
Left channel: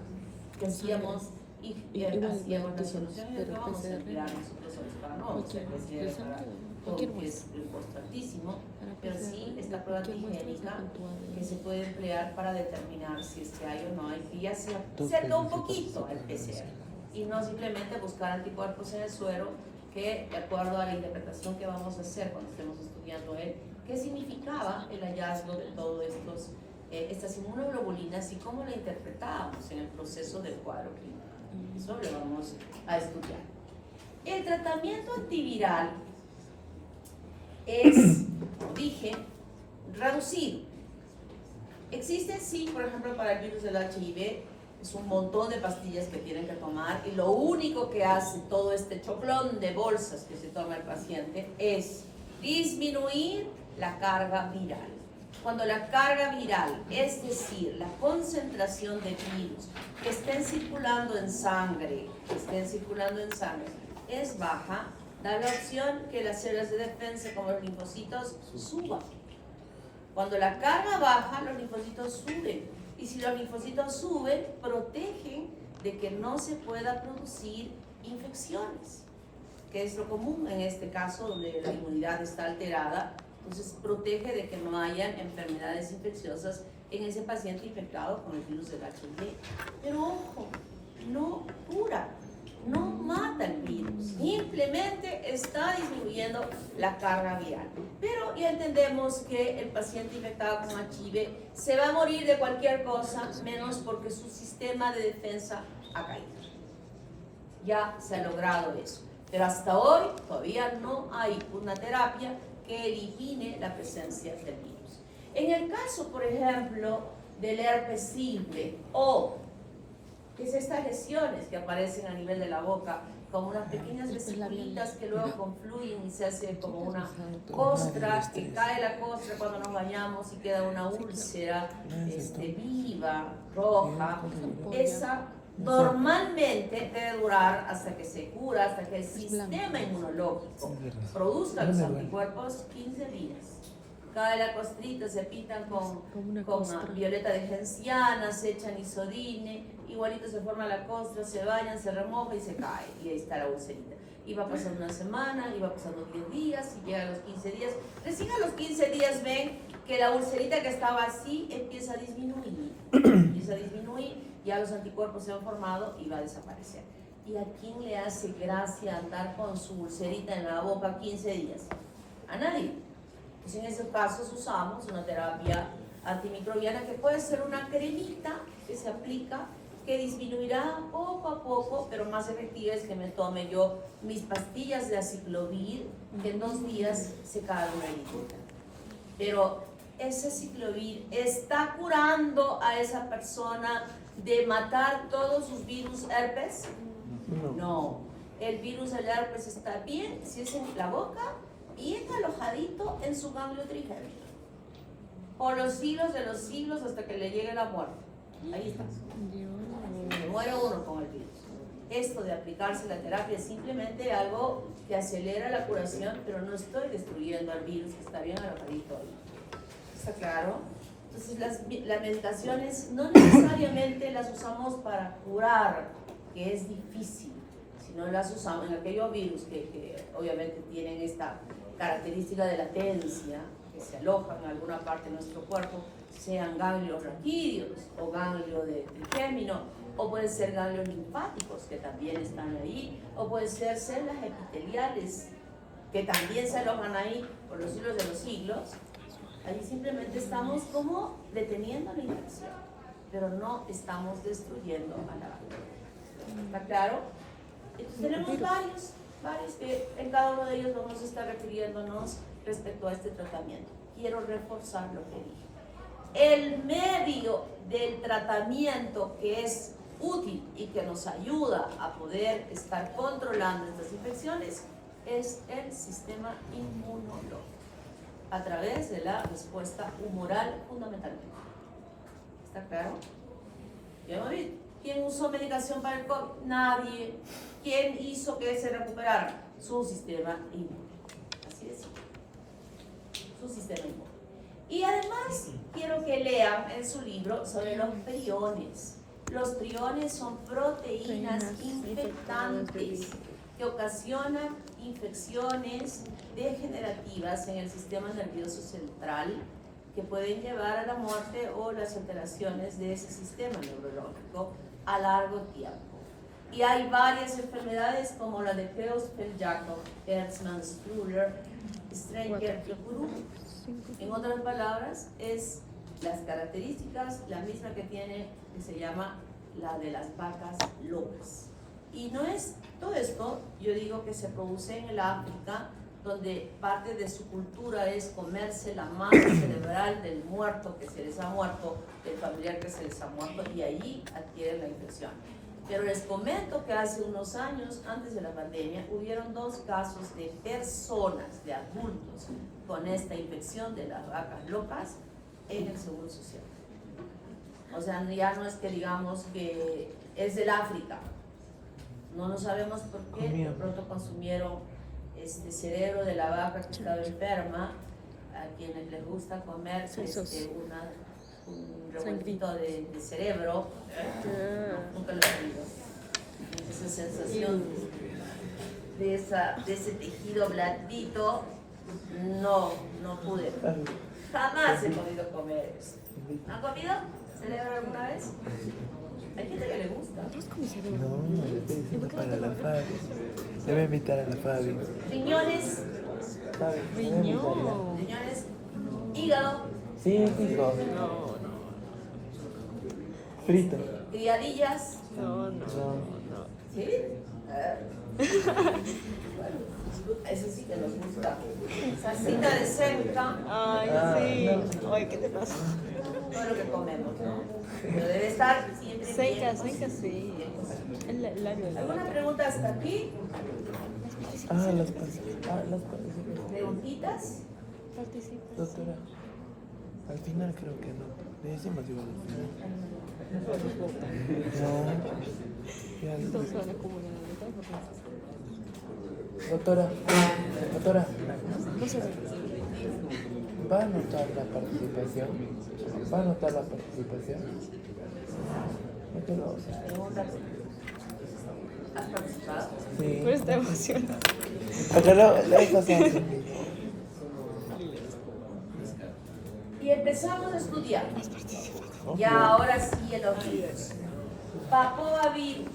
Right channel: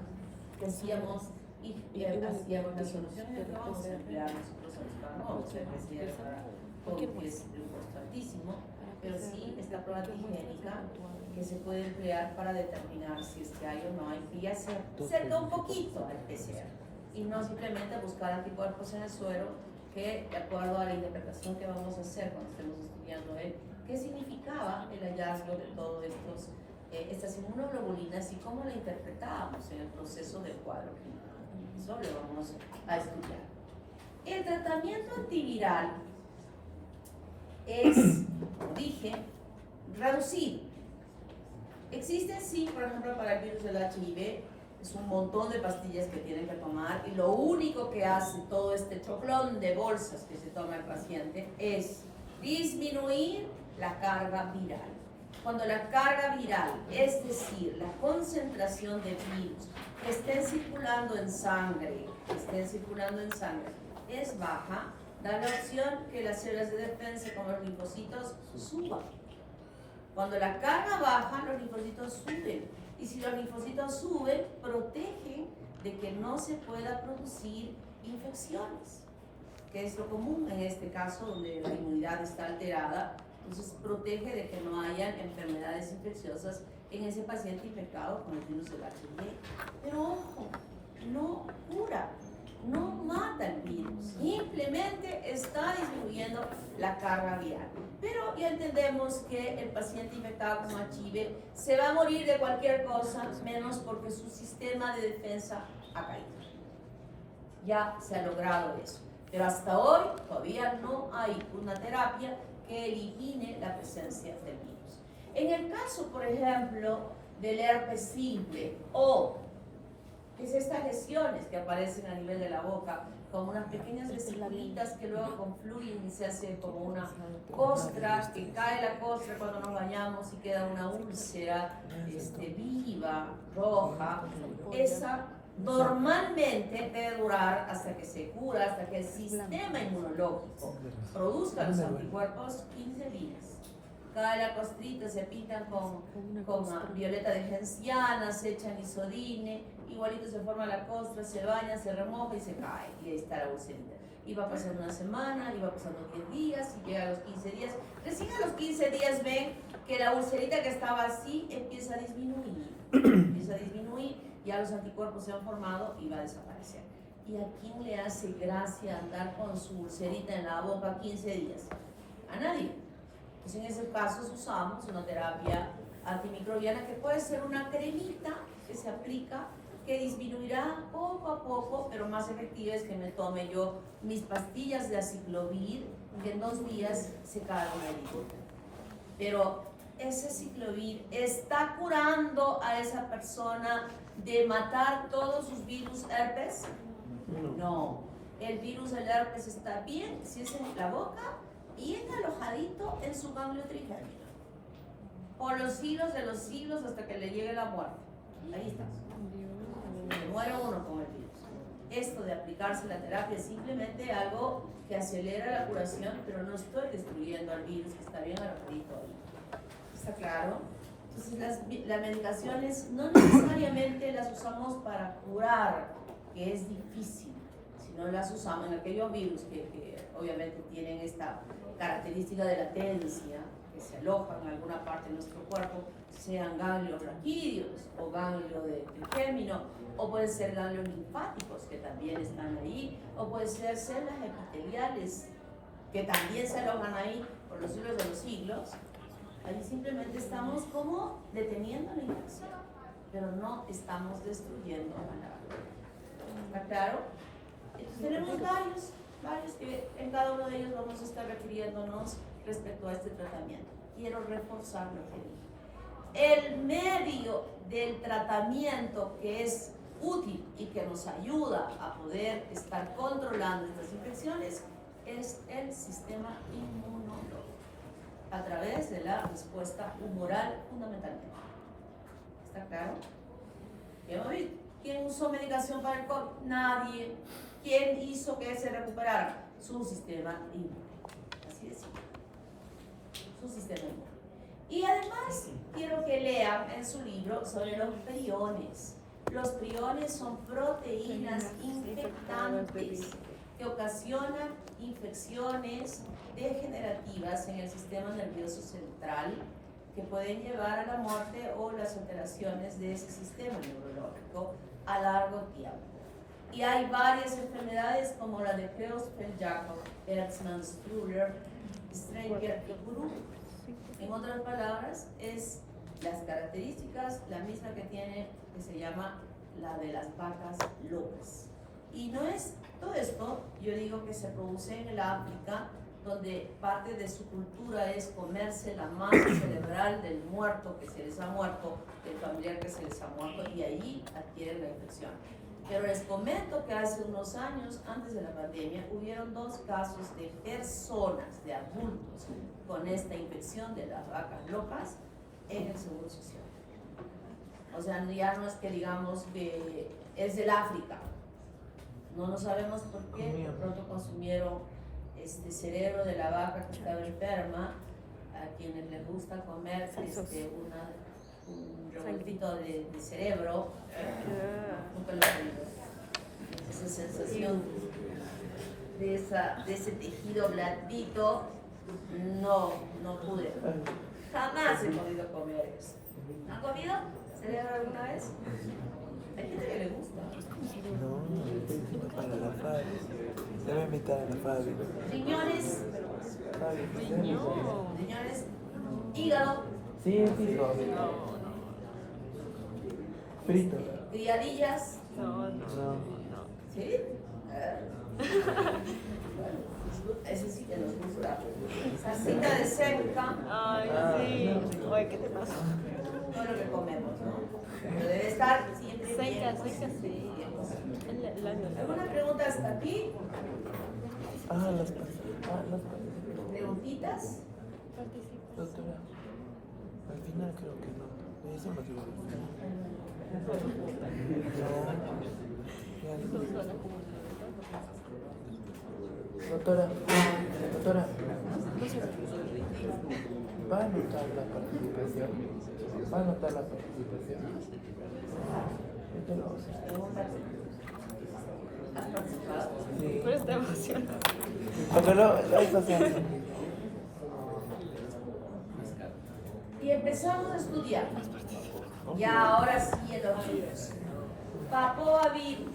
Que hacíamos y hacíamos la solución y lo vamos a emplear nosotros para no hacer PCR para todo, que es importantísimo, pero sí esta prueba antigénica que se puede emplear para determinar si es que hay o no hay, que ya se acerca un poquito al PCR y no simplemente buscar anticuerpos en el suero, que de acuerdo a la interpretación que vamos a hacer cuando estemos estudiando qué significaba el hallazgo de todos estas inmunoglobulinas y cómo la interpretábamos en el proceso del cuadro clínico. Eso lo vamos a estudiar. El tratamiento antiviral es, como dije, reducido. Existe, sí, por ejemplo, para el virus del HIV, es un montón de pastillas que tienen que tomar y lo único que hace todo este choclón de bolsas que se toma el paciente es disminuir la carga viral. Cuando la carga viral, es decir, la concentración de virus que estén circulando en sangre, es baja, da la opción que las células de defensa como los linfocitos suban. Cuando la carga baja, los linfocitos suben. Y si los linfocitos suben, protegen de que no se pueda producir infecciones, que es lo común en este caso donde la inmunidad está alterada. Entonces protege de que no hayan enfermedades infecciosas en ese paciente infectado con el virus del HIV. Pero ojo, no cura, no mata el virus, simplemente está disminuyendo la carga viral. Pero ya entendemos que el paciente infectado con HIV se va a morir de cualquier cosa, menos porque su sistema de defensa ha caído. Ya se ha logrado eso. Pero hasta hoy todavía no hay una terapia que elimine la presencia del virus. En el caso, por ejemplo, del herpes simple o que es estas lesiones que aparecen a nivel de la boca, como unas pequeñas vesiculitas que luego confluyen y se hace como una costra, que cae la costra cuando nos bañamos y queda una úlcera viva, roja. Esa normalmente debe durar hasta que se cura, hasta que el sistema inmunológico produzca los anticuerpos 15 días. Cae la costrita, se pintan con violeta de genciana, se echan isodine, igualito se forma la costra, se baña, se remoja y se cae, y ahí está la ulcerita. Y va pasando una semana, y va pasando 10 días, y llega a los 15 días. Recién a los 15 días ven que la ulcerita que estaba así empieza a disminuir, ya los anticuerpos se han formado y va a desaparecer. ¿Y a quién le hace gracia andar con su ulcerita en la boca 15 días? A nadie. Entonces en esos casos usamos una terapia antimicrobiana que puede ser una cremita que se aplica, que disminuirá poco a poco, pero más efectiva es que me tome yo mis pastillas de aciclovir, que en 2 días se calma la herida. Pero ese aciclovir está curando a esa persona de matar todos sus virus herpes. No, el virus del herpes está bien si es en la boca, bien alojadito en su ganglio trigémino, por los siglos de los siglos hasta que le llegue la muerte. Ahí está. Se muere uno con el virus. Esto de aplicarse la terapia es simplemente algo que acelera la curación, pero no estoy destruyendo al virus que está bien alojadito ahí. ¿Está claro? Entonces las medicaciones no necesariamente las usamos para curar, que es difícil, sino las usamos en aquellos virus que obviamente tienen esta característica de latencia, que se alojan en alguna parte de nuestro cuerpo, sean ganglios raquídeos o ganglios de trigémino, o pueden ser ganglios linfáticos que también están ahí, o pueden ser células epiteliales que también se alojan ahí por los siglos de los siglos. Ahí simplemente estamos como deteniendo la infección, pero no estamos destruyendo a la bacteria. ¿Está claro? Entonces tenemos varios que en cada uno de ellos vamos a estar refiriéndonos respecto a este tratamiento. Quiero reforzar lo que dije. El medio del tratamiento que es útil y que nos ayuda a poder estar controlando estas infecciones es el sistema inmunológico, a través de la respuesta humoral fundamentalmente. ¿Está claro? ¿Quién usó medicación para el COVID? Nadie. ¿Quién hizo que se recuperara? Su sistema inmune. Así de simple. Su sistema inmune. Y además quiero que lean en su libro sobre los priones. Los priones son proteínas infectantes que ocasionan infecciones degenerativas en el sistema nervioso central que pueden llevar a la muerte o las alteraciones de ese sistema neurológico a largo tiempo. Y hay varias enfermedades como la de Creutzfeldt-Jakob, Herzmann, Strüller, Strenger y Guru. En otras palabras, es las características, la misma que tiene, que se llama la de las vacas locas. Y no es todo esto, yo digo que se produce en el África, donde parte de su cultura es comerse la masa cerebral del muerto que se les ha muerto, del familiar que se les ha muerto, y ahí adquieren la infección. Pero les comento que hace unos años, antes de la pandemia, hubieron 2 casos de personas, de adultos, con esta infección de las vacas locas en el Seguro Social. O sea, ya no es que digamos que es del África. No sabemos por qué, de pronto consumieron cerebro de la vaca que estaba enferma, a quienes les gusta comer un revueltito de cerebro. No, nunca lo he oído. Esa sensación de ese tejido blandito, no pude. Jamás he podido comer eso. ¿Han comido cerebro alguna vez? Hay gente que le gusta. No, para la Fabi. Le voy a invitar a la Fabi. Riñones. Riñones. Hígado. Sí, hijo. Frito. Criadillas. No. ¿Sí? Bueno, eso sí que nos gusta. Salsita de cerca. Ay, sí. Ay, ¿qué te pasa? Todo lo que comemos, ¿no? Pero debe estar siempre Seca, bien. sí. ¿Alguna pregunta hasta aquí? Las ¿Preguntitas? doctora. Al final creo que no. Le decimos igual al final. Doctora, ¿va a anotar la participación? ¿Va a anotar la participación? Preguntas. ¿Has participado? Sí. Pues te emociona. Pero lo estás haciendo. Y empezamos a estudiar. Ya ahora sí los virus. Papovavirus.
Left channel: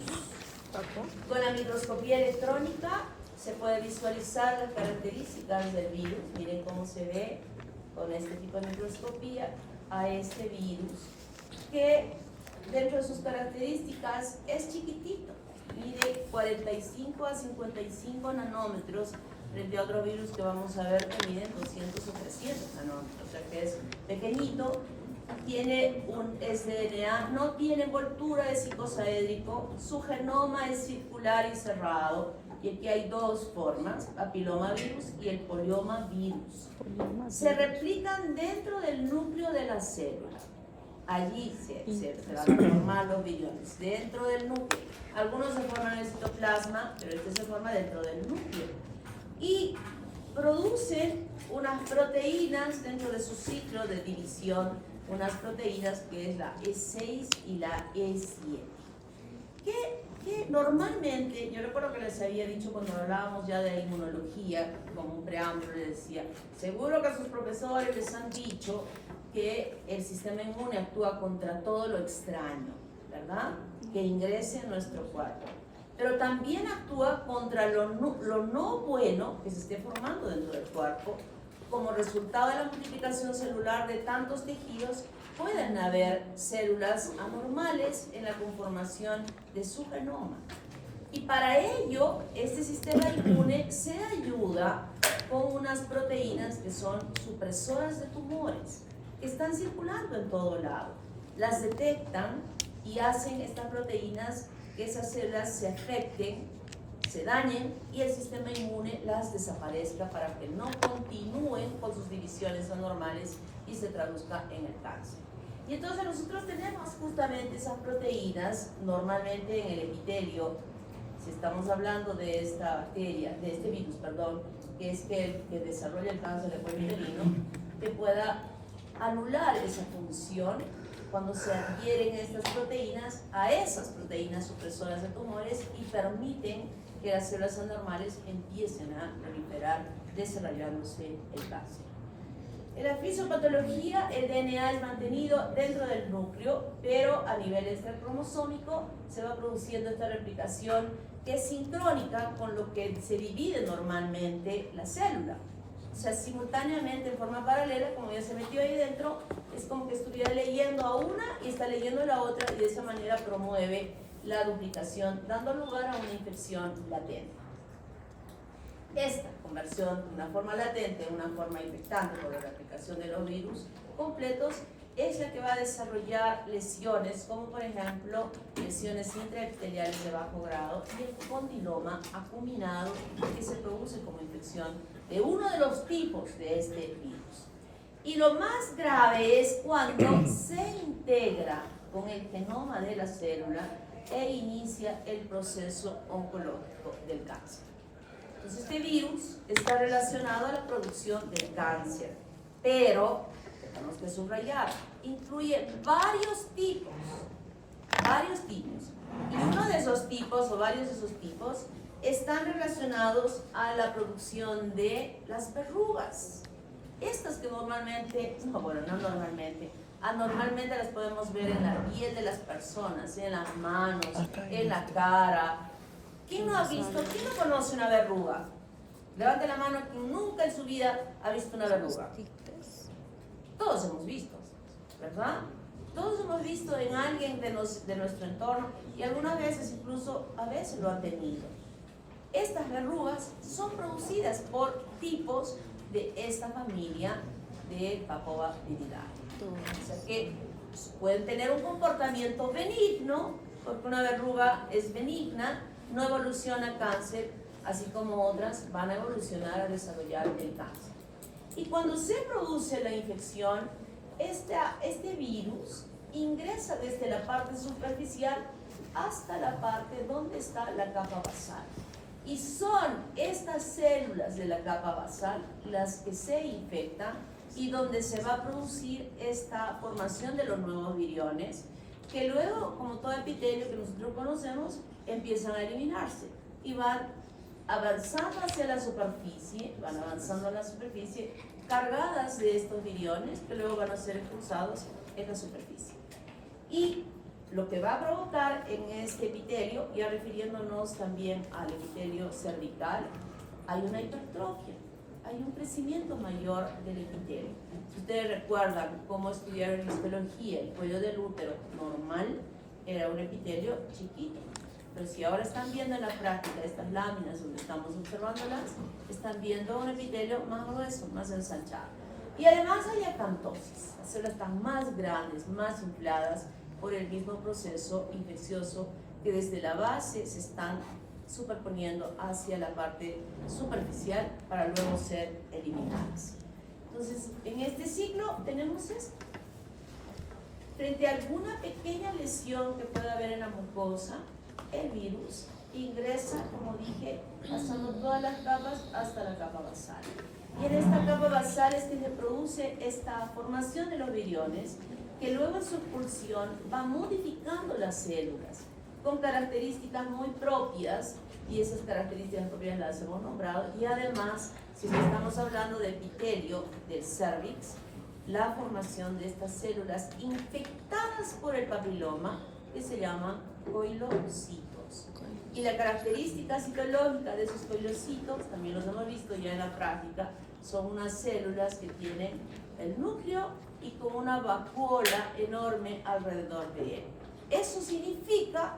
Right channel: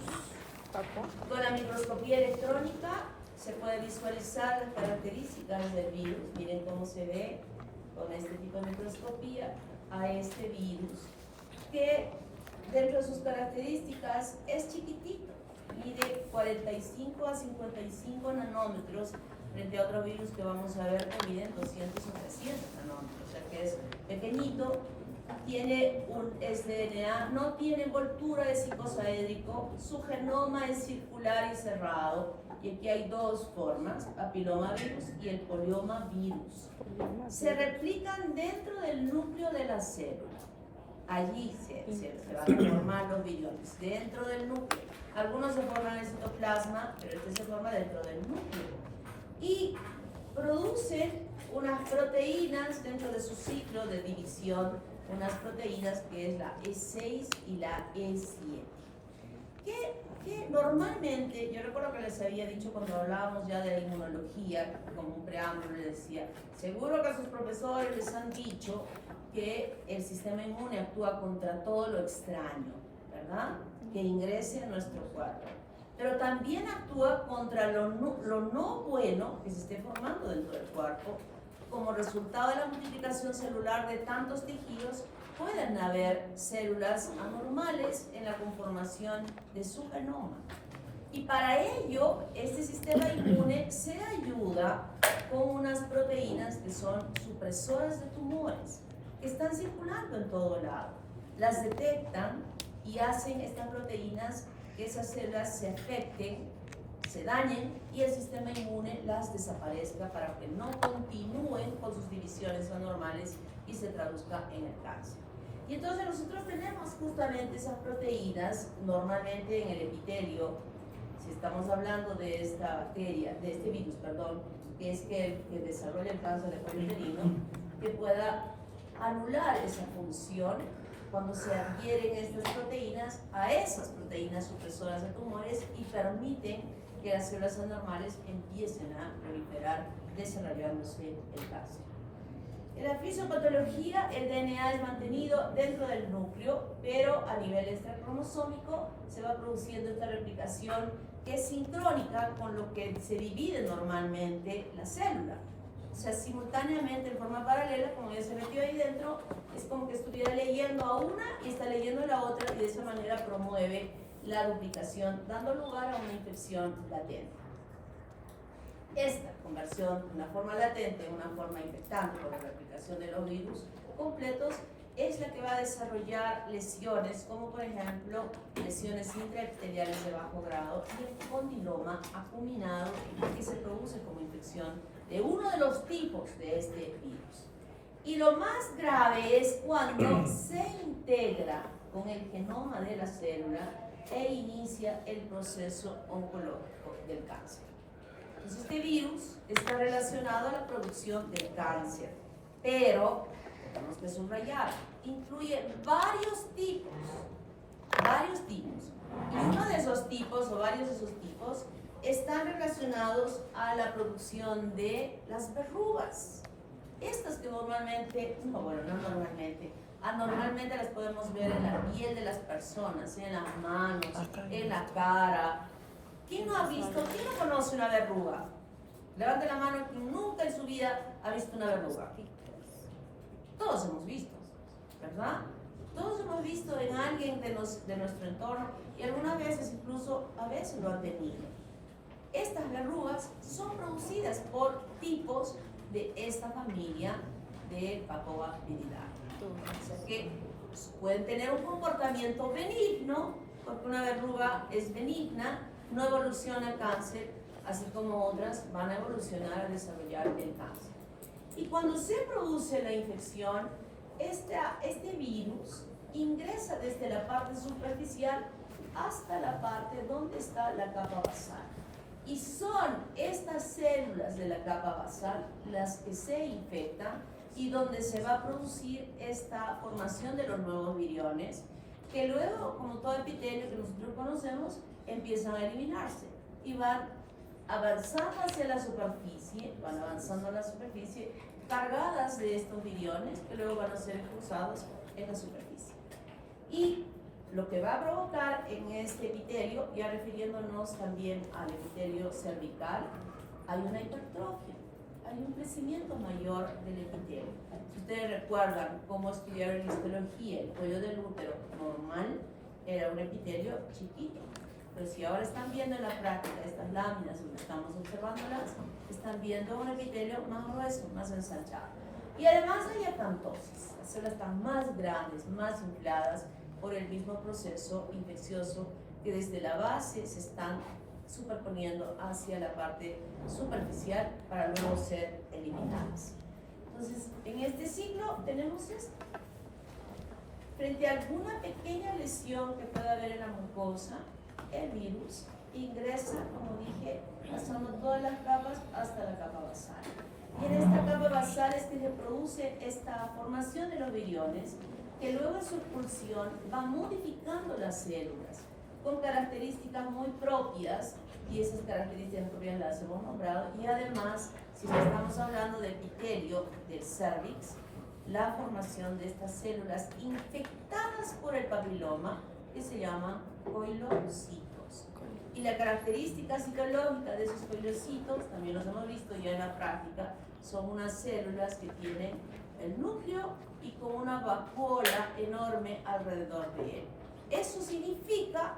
Papo. Con la microscopía electrónica se puede visualizar las características del virus. Miren cómo se ve con este tipo de microscopía a este virus, que dentro de sus características es chiquitito, mide 45 a 55 nanómetros frente a otro virus que vamos a ver que miden 200 o 300 nanómetros, o sea que es pequeñito, tiene un sDNA, no tiene envoltura de psicosaédrico, su genoma es circular y cerrado, y aquí hay dos formas, papilomavirus y el poliomavirus. Se replican dentro del núcleo de la célula. Allí se van a formar los viriones, dentro del núcleo. Algunos se forman en el citoplasma, pero este se forma dentro del núcleo. Y producen unas proteínas dentro de su ciclo de división, unas proteínas que es la E6 y la E7. Que normalmente, yo recuerdo que les había dicho cuando hablábamos ya de la inmunología, como un preámbulo, les decía, seguro que sus profesores les han dicho que el sistema inmune actúa contra todo lo extraño, ¿verdad? Que ingrese a nuestro cuerpo. Pero también actúa contra lo no bueno que se esté formando dentro del cuerpo. Como resultado de la multiplicación celular de tantos tejidos, pueden haber células anormales en la conformación de su genoma. Y para ello, este sistema inmune se ayuda con unas proteínas que son supresoras de tumores, que están circulando en todo lado. Las detectan y hacen estas proteínas que esas células se afecten, se dañen y el sistema inmune las desaparezca para que no continúen con sus divisiones anormales y se traduzca en el cáncer. Y entonces nosotros tenemos justamente esas proteínas normalmente en el epitelio. Si estamos hablando de esta bacteria, de este virus, perdón, que es que desarrolla el cáncer de cuello uterino, que pueda anular esa función cuando se adhieren estas proteínas a esas proteínas supresoras de tumores y permiten que las células anormales empiecen a proliferar, desarrollándose el cáncer. En la fisiopatología, el DNA es mantenido dentro del núcleo, pero a nivel extracromosómico se va produciendo esta replicación que es sincrónica con lo que se divide normalmente la célula. O sea, simultáneamente, en forma paralela, como ya se metió ahí dentro, es como que estuviera leyendo a una y está leyendo a la otra, y de esa manera promueve la duplicación, dando lugar a una infección latente. Esta conversión de una forma latente a una forma infectante por la replicación de los virus completos es la que va a desarrollar lesiones, como por ejemplo lesiones intraepiteliales de bajo grado y el condiloma acuminado, que se produce como infección de uno de los tipos de este virus. Y lo más grave es cuando se integra con el genoma de la célula e inicia el proceso oncológico del cáncer. Entonces, este virus está relacionado a la producción del cáncer, pero tenemos que subrayar, incluye varios tipos, y uno de esos tipos, o varios de esos tipos, están relacionados a la producción de las verrugas. Estas que normalmente, anormalmente las podemos ver en la piel de las personas, en las manos, en la cara. ¿Quién no ha visto, quién no conoce una verruga? Levante la mano quien nunca en su vida ha visto una verruga. Todos hemos visto, ¿verdad? Todos hemos visto en alguien de nuestro entorno y algunas veces incluso a veces lo han tenido. Estas verrugas son producidas por tipos de esta familia de Papoviridae. O sea que pueden tener un comportamiento benigno, porque una verruga es benigna, no evoluciona a cáncer, así como otras van a evolucionar a desarrollar el cáncer. Y cuando se produce la infección, este virus ingresa desde la parte superficial hasta la parte donde está la capa basal. Y son estas células de la capa basal las que se infectan y donde se va a producir esta formación de los nuevos viriones, que luego, como todo epitelio que nosotros conocemos, empiezan a eliminarse y van avanzando hacia la superficie, cargadas de estos viriones que luego van a ser expulsados en la superficie. Y lo que va a provocar en este epitelio, ya refiriéndonos también al epitelio cervical, hay una hipertrofia, hay un crecimiento mayor del epitelio. Si ustedes recuerdan cómo estudiaron en histología, el cuello del útero normal era un epitelio chiquito, pero si ahora están viendo en la práctica estas láminas donde estamos observándolas, están viendo un epitelio más grueso, más ensanchado. Y además hay acantosis, las células están más grandes, más infladas por el mismo proceso infeccioso que desde la base se están superponiendo hacia la parte superficial para luego ser eliminadas. Entonces, en este ciclo tenemos esto. Frente a alguna pequeña lesión que pueda haber en la mucosa, el virus ingresa, como dije, pasando todas las capas hasta la capa basal. Y en esta capa basal es que se produce esta formación de los viriones, que luego en su expulsión va modificando las células con características muy propias, y esas características propias las hemos nombrado, y además, si estamos hablando de epitelio del cervix, la formación de estas células infectadas por el papiloma, que se llaman coilocitos. Y la característica citológica de esos coilocitos, también los hemos visto ya en la práctica, son unas células que tienen el núcleo y con una vacuola enorme alrededor de él. Eso significa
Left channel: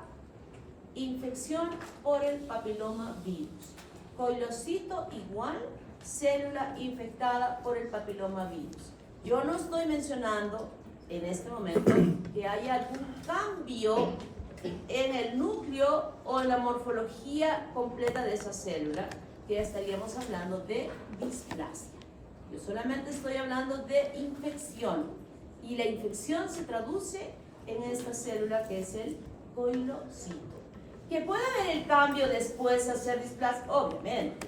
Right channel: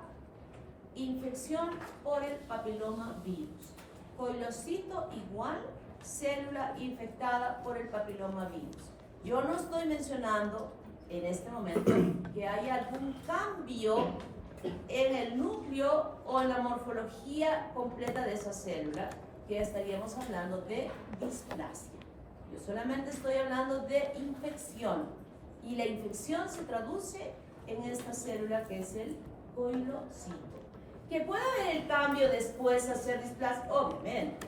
infección por el papiloma virus. Coilocito igual célula infectada por el papiloma virus. Yo no estoy mencionando en este momento que haya algún cambio en el núcleo o en la morfología completa de esa célula, que estaríamos hablando de displasia. Yo solamente estoy hablando de infección, y la infección se traduce en esta célula que es el coilocito. ¿Que puede haber el cambio después hacia displasia? Obviamente,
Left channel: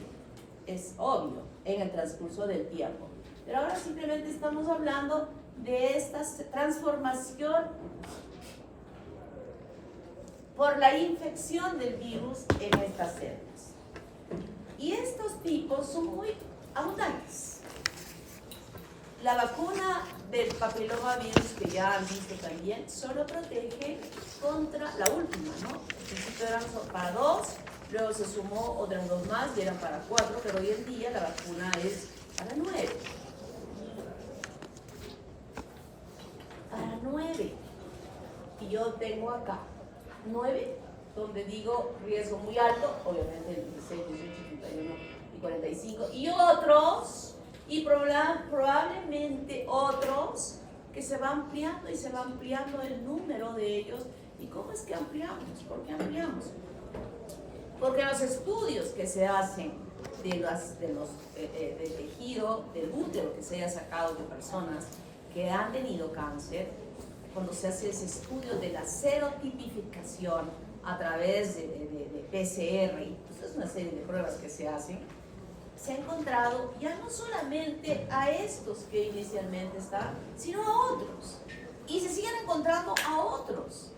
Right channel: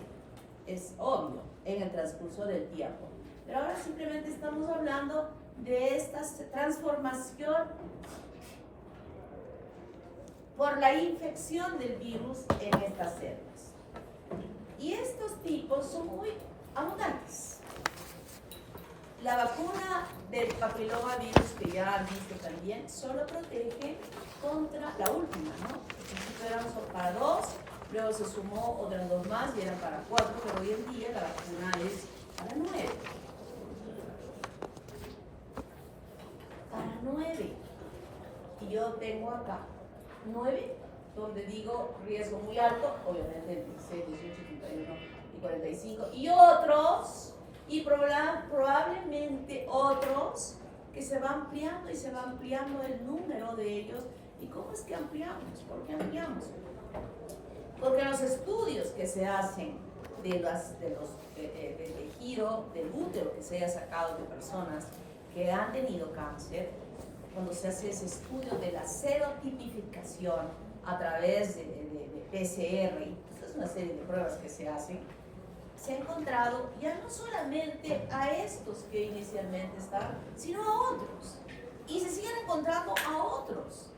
es obvio en el transcurso del tiempo. Pero ahora simplemente estamos hablando de esta transformación por la infección del virus en estas células. Y estos tipos son muy abundantes. La vacuna del papiloma virus, que ya han visto también, solo protege contra la última, ¿no? Al principio eran para 2, luego se sumó otras 2 más y eran para 4, pero hoy en día la vacuna es para 9. Para 9. Y yo tengo acá 9, donde digo riesgo muy alto, obviamente el 16, 18, 31 y 45, y otros, y probablemente otros que se va ampliando y se va ampliando el número de ellos. ¿Y cómo es que ampliamos? ¿Por qué ampliamos? Porque los estudios que se hacen del tejido del útero que se haya sacado de personas que han tenido cáncer, cuando se hace ese estudio de la serotipificación a través de PCR, es una serie de pruebas que se hacen, se ha encontrado ya no solamente a estos que inicialmente están, sino a otros. Y se siguen encontrando a otros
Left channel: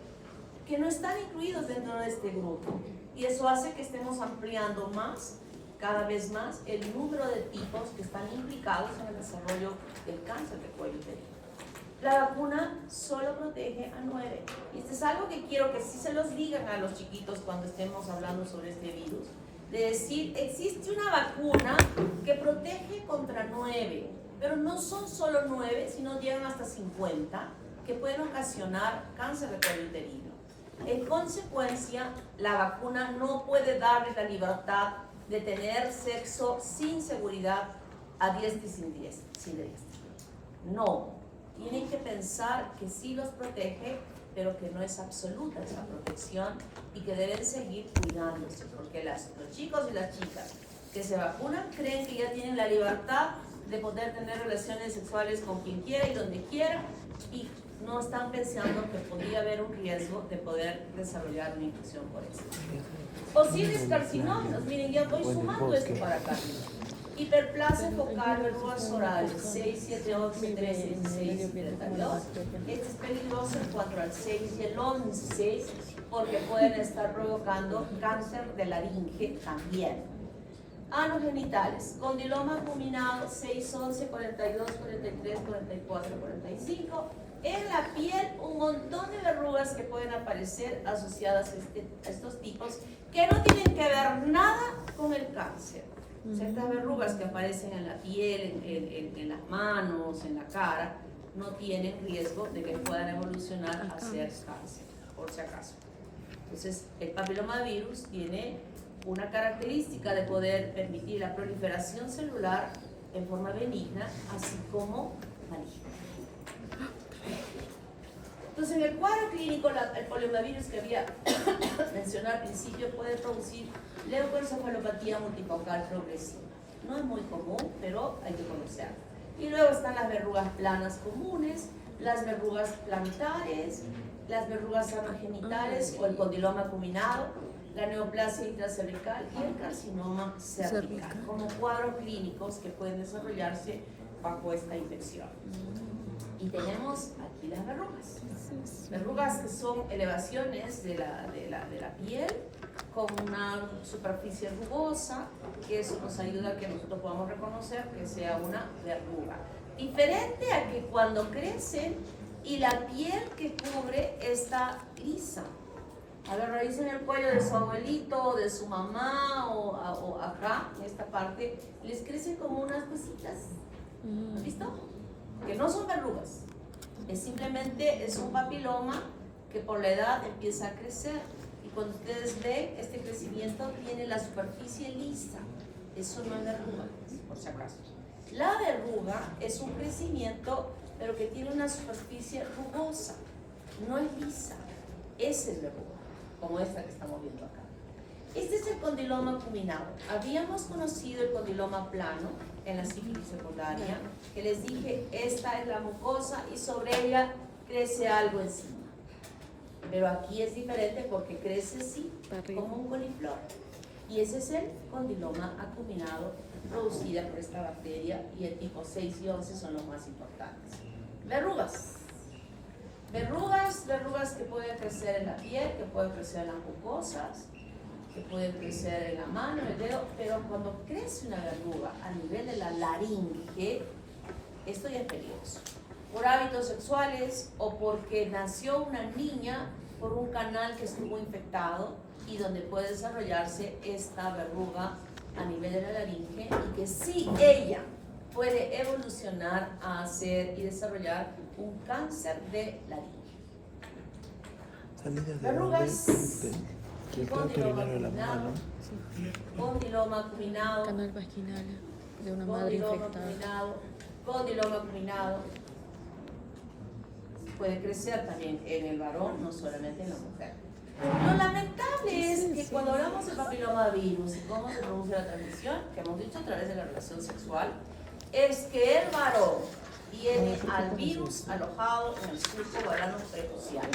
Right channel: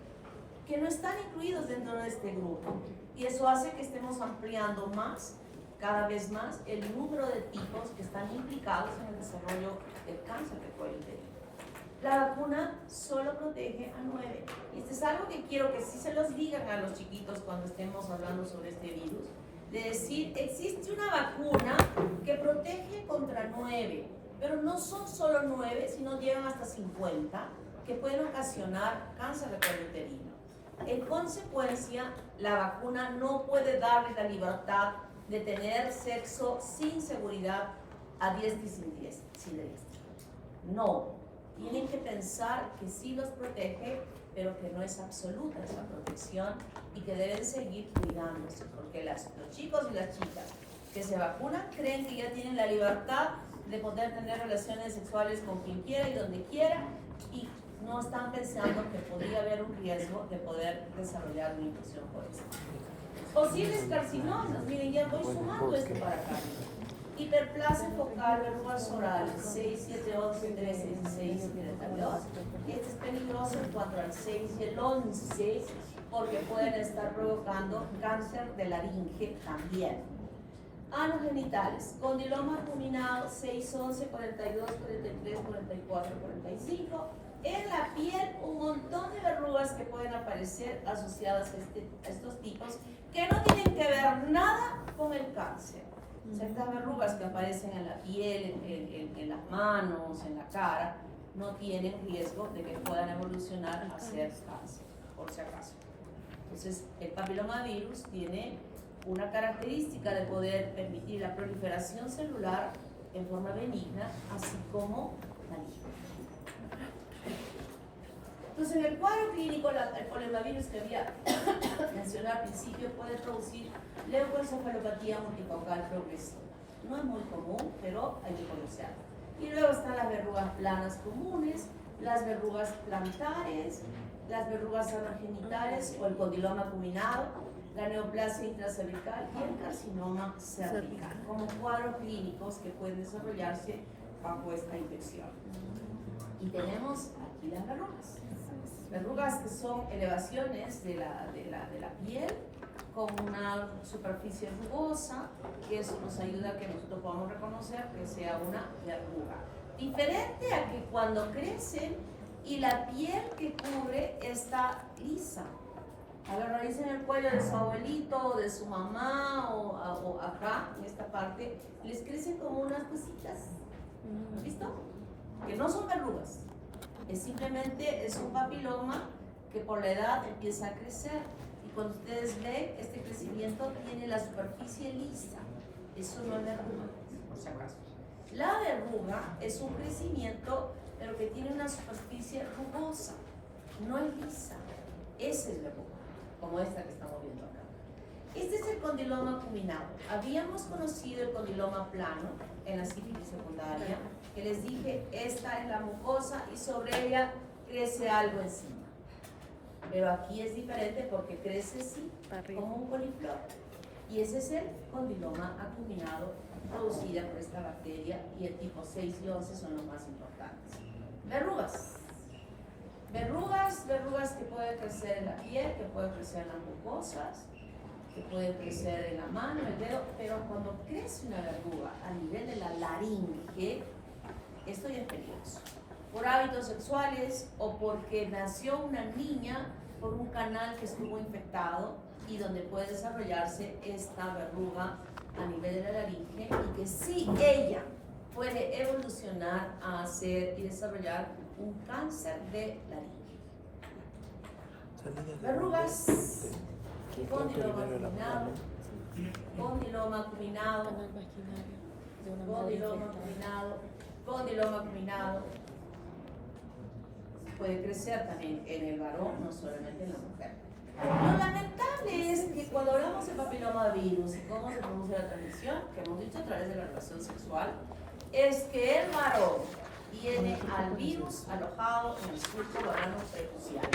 que no están incluidos dentro de este grupo. Y eso hace que estemos ampliando más, cada vez más, el número de tipos que están implicados en el desarrollo del cáncer de cuello uterino. La vacuna solo protege a 9. Y esto es algo que quiero que sí se los digan a los chiquitos cuando estemos hablando sobre este virus. De decir, existe una vacuna que protege contra 9, pero no son solo 9, sino llegan hasta 50, que pueden ocasionar cáncer de cuello uterino. En consecuencia, la vacuna no puede darle la libertad de tener sexo sin seguridad a diestra y siniestra. No, tienen que pensar que sí los protege, pero que no es absoluta esa protección y que deben seguir cuidándose, porque los chicos y las chicas que se vacunan creen que ya tienen la libertad de poder tener relaciones sexuales con quien quiera y donde quiera, y no están pensando que podría haber un riesgo de poder desarrollar una infección por eso. Posibles carcinógenos, miren, ya voy sumando esto para acá. Hiperplasia focal, verrugas orales, 6, 7, 11, 13, 16 y 32. Este es peligroso en cuanto al 6 y el 11, porque pueden estar provocando cáncer de laringe también. Anogenitales, condiloma acuminado 6, 11, 42, 43, 44, 45. En la piel un montón de verrugas que pueden aparecer asociadas a estos tipos que no tienen que ver nada con el cáncer. O sea, estas verrugas que aparecen en la piel, en las manos, en la cara, no tienen riesgo de que puedan evolucionar a ser cáncer, por si acaso. Entonces, el papilomavirus tiene una característica de poder permitir la proliferación celular en forma benigna, así como maligna. Entonces, en el cuadro clínico, el poliomavirus que había mencionado al principio puede producir leucoencefalopatía multifocal progresiva. No es muy común, pero hay que conocerlo. Y luego están las verrugas planas comunes, las verrugas plantares, las verrugas anogenitales o el condiloma acuminado, la neoplasia intracervical y el carcinoma cervical, como cuadros clínicos que pueden desarrollarse bajo esta infección. Y tenemos aquí las verrugas que son elevaciones de la piel con una superficie rugosa, que eso nos ayuda a que nosotros podamos reconocer que sea una verruga. Diferente a que cuando crecen y la piel que cubre está lisa. A la raíz en el cuello de su abuelito o de su mamá o acá, en esta parte, les crecen como unas cositas. ¿Listo? Que no son verrugas. Es simplemente un papiloma que por la edad empieza a crecer. Y cuando ustedes ven, este crecimiento tiene la superficie lisa. Eso no es verruga, por si acaso. La verruga es un crecimiento, pero que tiene una superficie rugosa. No es lisa. Esa es verruga, como esta que estamos viendo acá. Este es el condiloma acuminado. Habíamos conocido el condiloma plano en la sífilis secundaria, que les dije, esta es la mucosa y sobre ella crece algo encima. Pero aquí es diferente porque crece así, como un coliflor. Y ese es el condiloma acuminado producida por esta bacteria, y el tipo 6 y 11 son los más importantes. Verrugas. Verrugas que pueden crecer en la piel, que pueden crecer en las mucosas, que pueden crecer en la mano, el dedo, pero cuando crece una verruga a nivel de la laringe, esto ya es peligroso. Por hábitos sexuales o porque nació una niña por un canal que estuvo infectado y donde puede desarrollarse esta verruga a nivel de la laringe, y que sí, ella puede evolucionar a hacer y desarrollar un cáncer de laringe. Verrugas, condiloma acuminado, condiloma acuminado, Canal vaginal de una madre infectada. condiloma acuminado. Puede crecer también en el varón, no solamente en la mujer. Lo lamentable es que cuando hablamos de papilomavirus y cómo se produce la transmisión, que hemos dicho a través de la relación sexual, es que el varón tiene al virus alojado en el surco varano prepucial,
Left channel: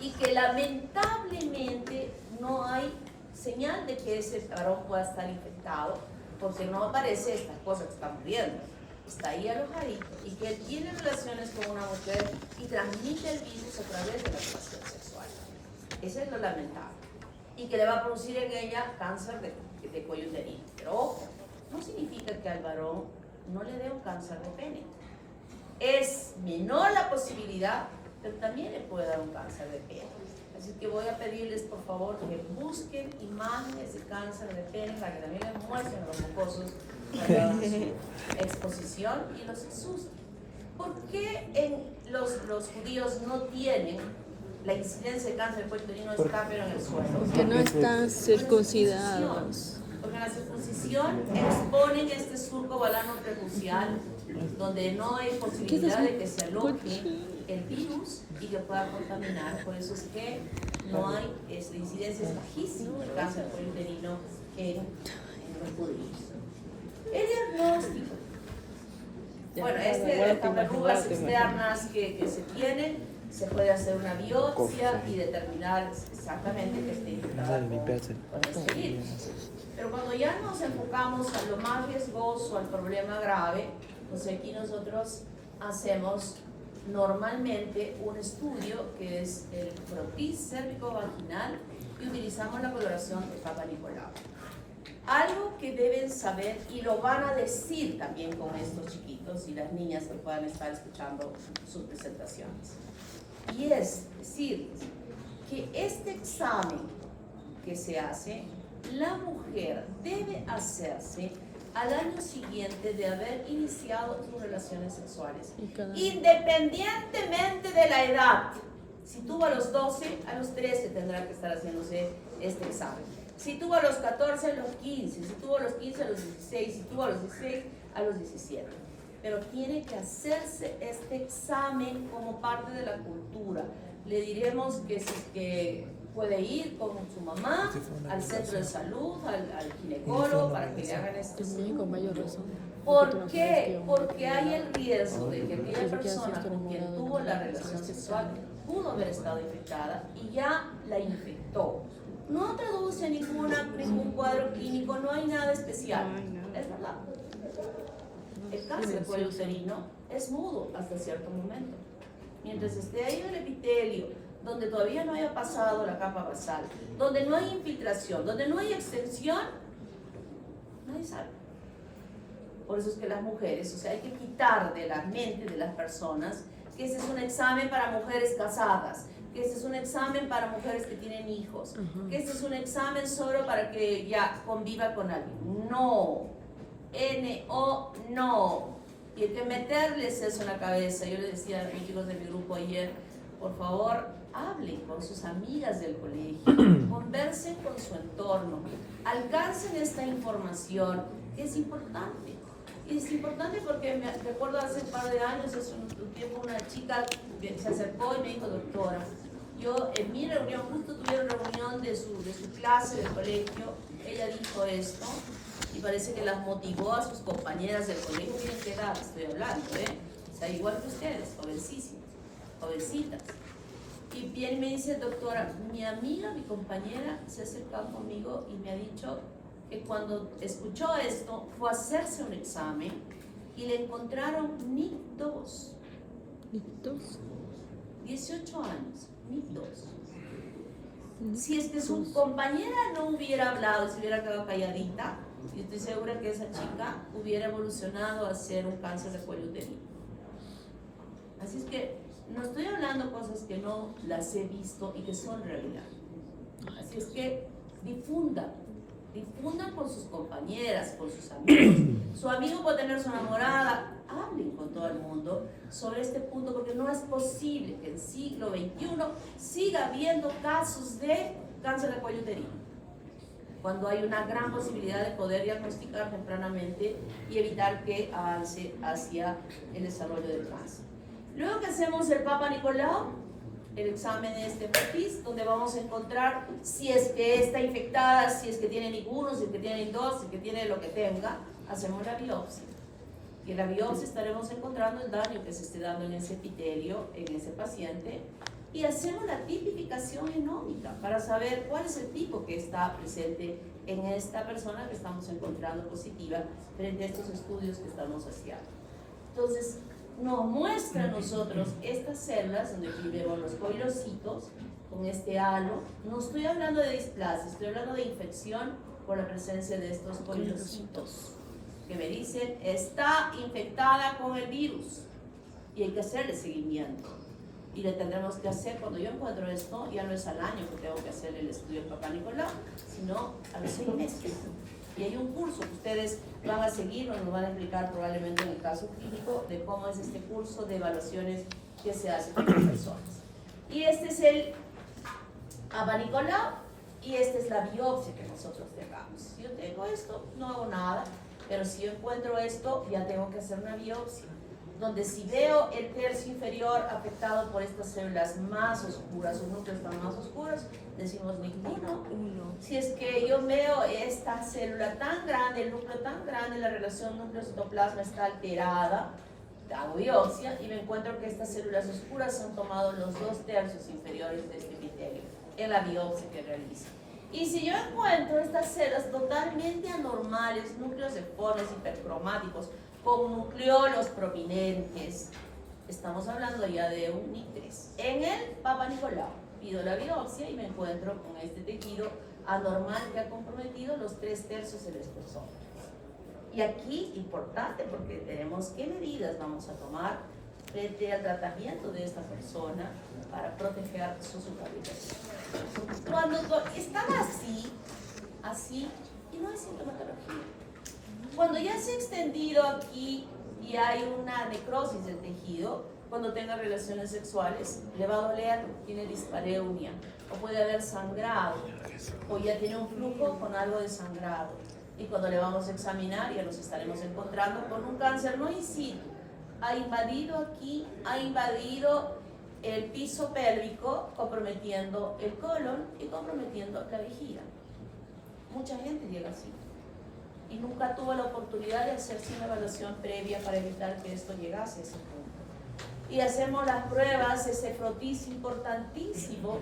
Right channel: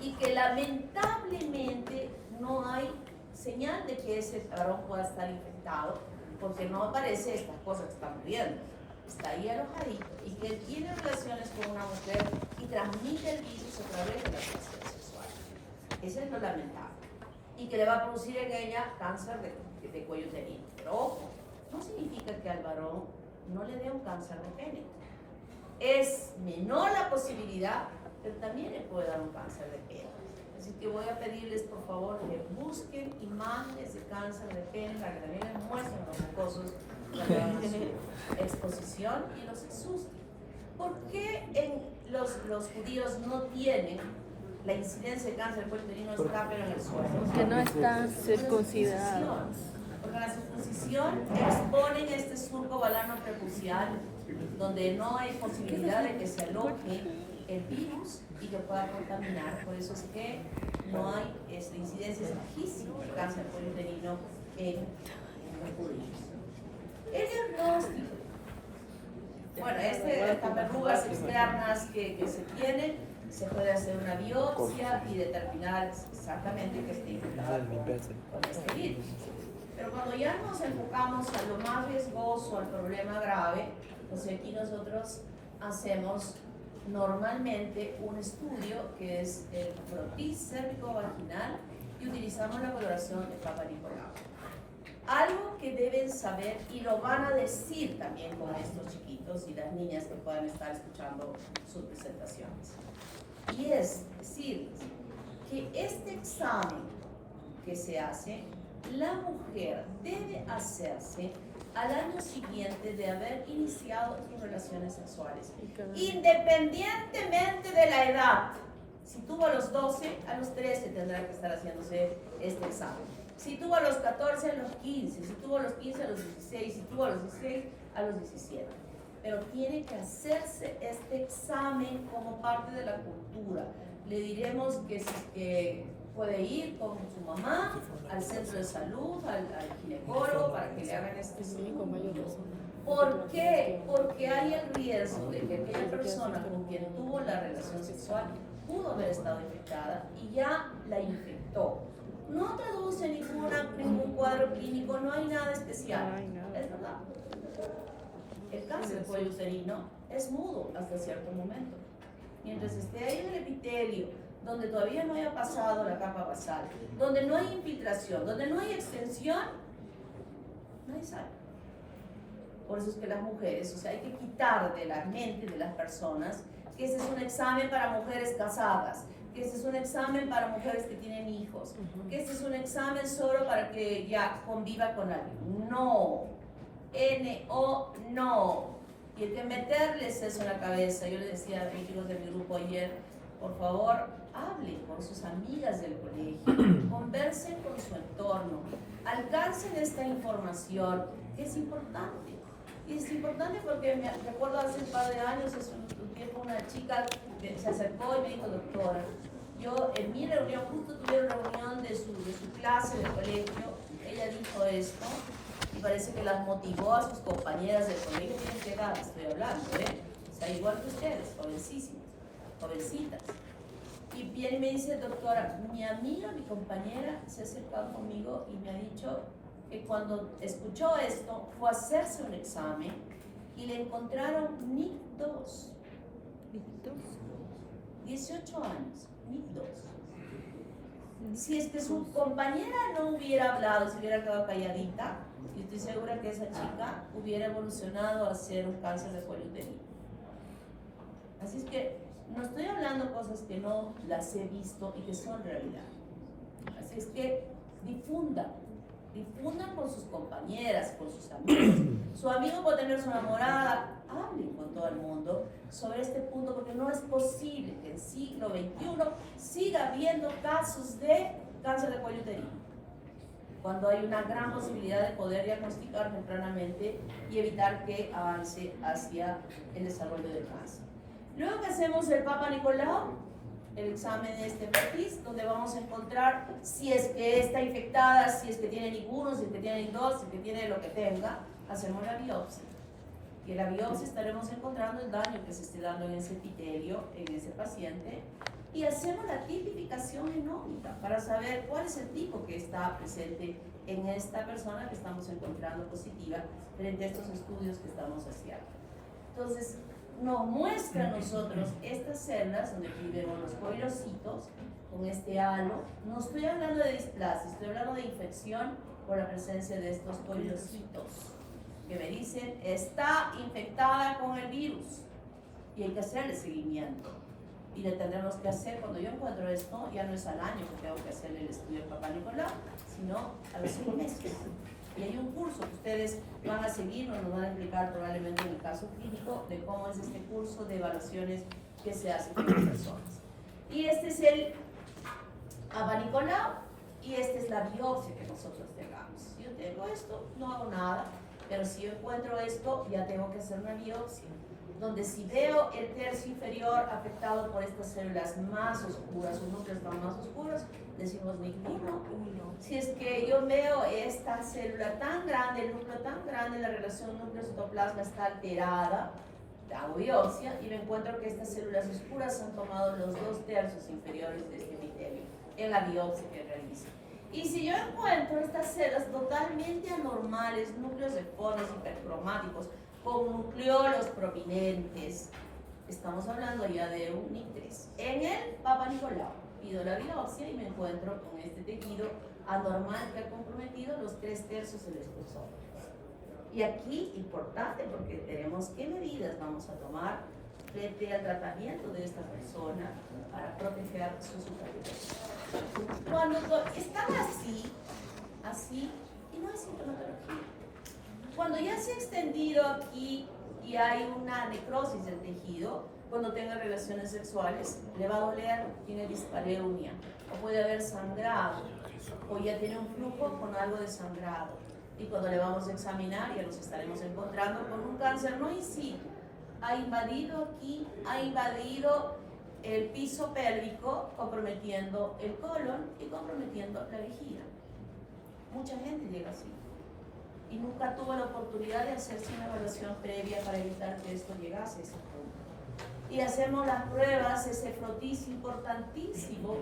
y que lamentablemente no hay señal de que ese varón pueda estar infectado, porque no aparece estas cosas que estamos viendo. Está ahí alojadito, y que él tiene relaciones con una mujer y transmite el virus a través de la relación sexual. Eso es lo lamentable. Y que le va a producir en ella cáncer de cuello uterino. Pero ojo, no significa que al varón no le dé un cáncer de pene. Es menor la posibilidad, pero también le puede dar un cáncer de pene. Así que voy a pedirles, por favor, que busquen imágenes de cáncer de pene para que también les muestren a los mucosos su exposición y los asusten. ¿Por qué los judíos no tienen la incidencia de cáncer de cuello uterino está pero en el suelo? Que no están circuncidados. Porque en la circuncisión exponen este surco balano prepucial, donde no hay posibilidad de que se aloje el virus y que pueda contaminar. Por eso es que no hay, la incidencia es bajísima de cáncer de cuello uterino en los judíos. El diagnóstico. Bueno, estas verrugas externas que se tienen, se puede hacer una biopsia y determinar exactamente que esté infectada con este virus. Pero cuando ya nos enfocamos a lo más riesgoso, al problema grave, pues aquí nosotros hacemos normalmente un estudio que es el protis cérvico-vaginal, y utilizamos la coloración de Papa Nicolau. Algo que deben saber y lo van a decir también con estos chiquitos y las niñas que puedan estar escuchando sus presentaciones. Y es decirles que este examen que se hace, la mujer debe hacerse al año siguiente de haber iniciado sus relaciones sexuales, independientemente de la edad. Si tuvo a los 12, a los 13 tendrá que estar haciéndose este examen. Si tuvo a los 14, a los 15, si tuvo a los 15, a los 16, si tuvo a los 16, a los 17. Pero tiene que hacerse este examen como parte de la cultura. Le diremos que puede ir con su mamá al centro de salud, al ginecólogo, para que le hagan este estudio. ¿Por qué? Porque hay el riesgo de que aquella persona con quien tuvo la relación sexual pudo haber estado infectada y ya la infectó. No traduce ningún cuadro clínico, no hay nada especial. Es verdad. El cáncer de cuello uterino es mudo hasta cierto momento. Mientras esté ahí el epitelio, donde todavía no haya pasado la capa basal, donde no hay infiltración, donde no hay extensión, nadie sabe. Por eso es que las mujeres, o sea, hay que quitar de la mente de las personas que ese es un examen para mujeres casadas, que ese es un examen para mujeres que tienen hijos, que ese es un examen solo para que ya conviva con alguien. No, N-O, no. Y hay que meterles eso en la cabeza. Yo le decía a mis chicos de mi grupo ayer, por favor, hablen con sus amigas del colegio, conversen con su entorno, alcancen esta información, que es importante. Y es importante porque me recuerdo hace un par de años, hace un tiempo, una chica que se acercó y me dijo, doctora, yo en mi reunión, justo tuvieron reunión de su clase del colegio, ella dijo esto, y parece que las motivó a sus compañeras del colegio. Miren qué edad estoy hablando, o sea, igual que ustedes, jovencísimas, jovencitas. Y bien me dice, doctora, mi amiga, mi compañera se ha acercado conmigo y me ha dicho que cuando escuchó esto fue a hacerse un examen y le encontraron NIC2. ¿NIC2? 18 años, NIC2. Si es que su compañera no hubiera hablado, si hubiera quedado calladita, yo estoy segura que esa chica hubiera evolucionado a ser un cáncer de cuello uterino. Así es que no estoy hablando cosas que no las he visto y que son realidad. Así es que difundan con sus compañeras, con sus amigos. Su amigo puede tener su enamorada, hablen con todo el mundo sobre este punto, porque no es posible que en el siglo XXI siga habiendo casos de cáncer de cuello uterino, cuando hay una gran posibilidad de poder diagnosticar tempranamente y evitar que avance hacia el desarrollo del cáncer. Luego que hacemos el Papa Nicolau, el examen de este perfil, donde vamos a encontrar si es que está infectada, si es que tiene ninguno, si es que tiene dos, si es que tiene lo que tenga, hacemos la biopsia. Y en la biopsia estaremos encontrando el daño que se esté dando en ese epitelio, en ese paciente, y hacemos la tipificación genómica para saber cuál es el tipo que está presente en esta persona que estamos encontrando positiva frente a estos estudios que estamos haciendo. Entonces, nos muestra a nosotros estas células donde aquí vemos los coilocitos con este halo. No estoy hablando de displasia, estoy hablando de infección por la presencia de estos coilocitos que me dicen está infectada con el virus y hay que hacerle seguimiento. Y le tendremos que hacer, cuando yo encuentro esto, ya no es al año que tengo que hacer el estudio del Papa Nicolau, sino a los 6 meses. Y hay un curso que ustedes van a seguir o nos van a explicar probablemente en el caso clínico de cómo es este curso de evaluaciones que se hace con las personas. Y este es el Papa Nicolau y esta es la biopsia que nosotros tengamos. Si yo tengo esto, no hago nada, pero si yo encuentro esto, ya tengo que hacer una biopsia, donde si veo el tercio inferior afectado por estas células más oscuras, o núcleos más oscuros, decimos NIC1. Si es que yo veo esta célula tan grande, el núcleo tan grande, la relación núcleo-citoplasma está alterada, hago biopsia y me encuentro que estas células oscuras han tomado los 2/3 inferiores de este epitelio en la biopsia que realizo. Y si yo encuentro estas células totalmente anormales, núcleos deformes, hipercromáticos, con nucleolos prominentes, estamos hablando ya de un NIC3. En el Papa Nicolau pido la biopsia y me encuentro con este tejido anormal que ha comprometido los 3/3 del espesor. Y aquí, importante, porque tenemos qué medidas vamos a tomar frente al tratamiento de esta persona para proteger su supervivencia. Cuando están así, y no hay sintomatología. Cuando ya se ha extendido aquí y hay una necrosis del tejido, cuando tenga relaciones sexuales, le va a doler, tiene dispareunia, o puede haber sangrado, o ya tiene un flujo con algo de sangrado. Y cuando le vamos a examinar, ya nos estaremos encontrando con un cáncer no in situ. Ha invadido aquí, ha invadido el piso pélvico, comprometiendo el colon y comprometiendo la vejiga. Mucha gente llega así y nunca tuvo la oportunidad de hacerse una evaluación previa para evitar que esto llegase a ese punto. Y hacemos las pruebas, ese frotis importantísimo,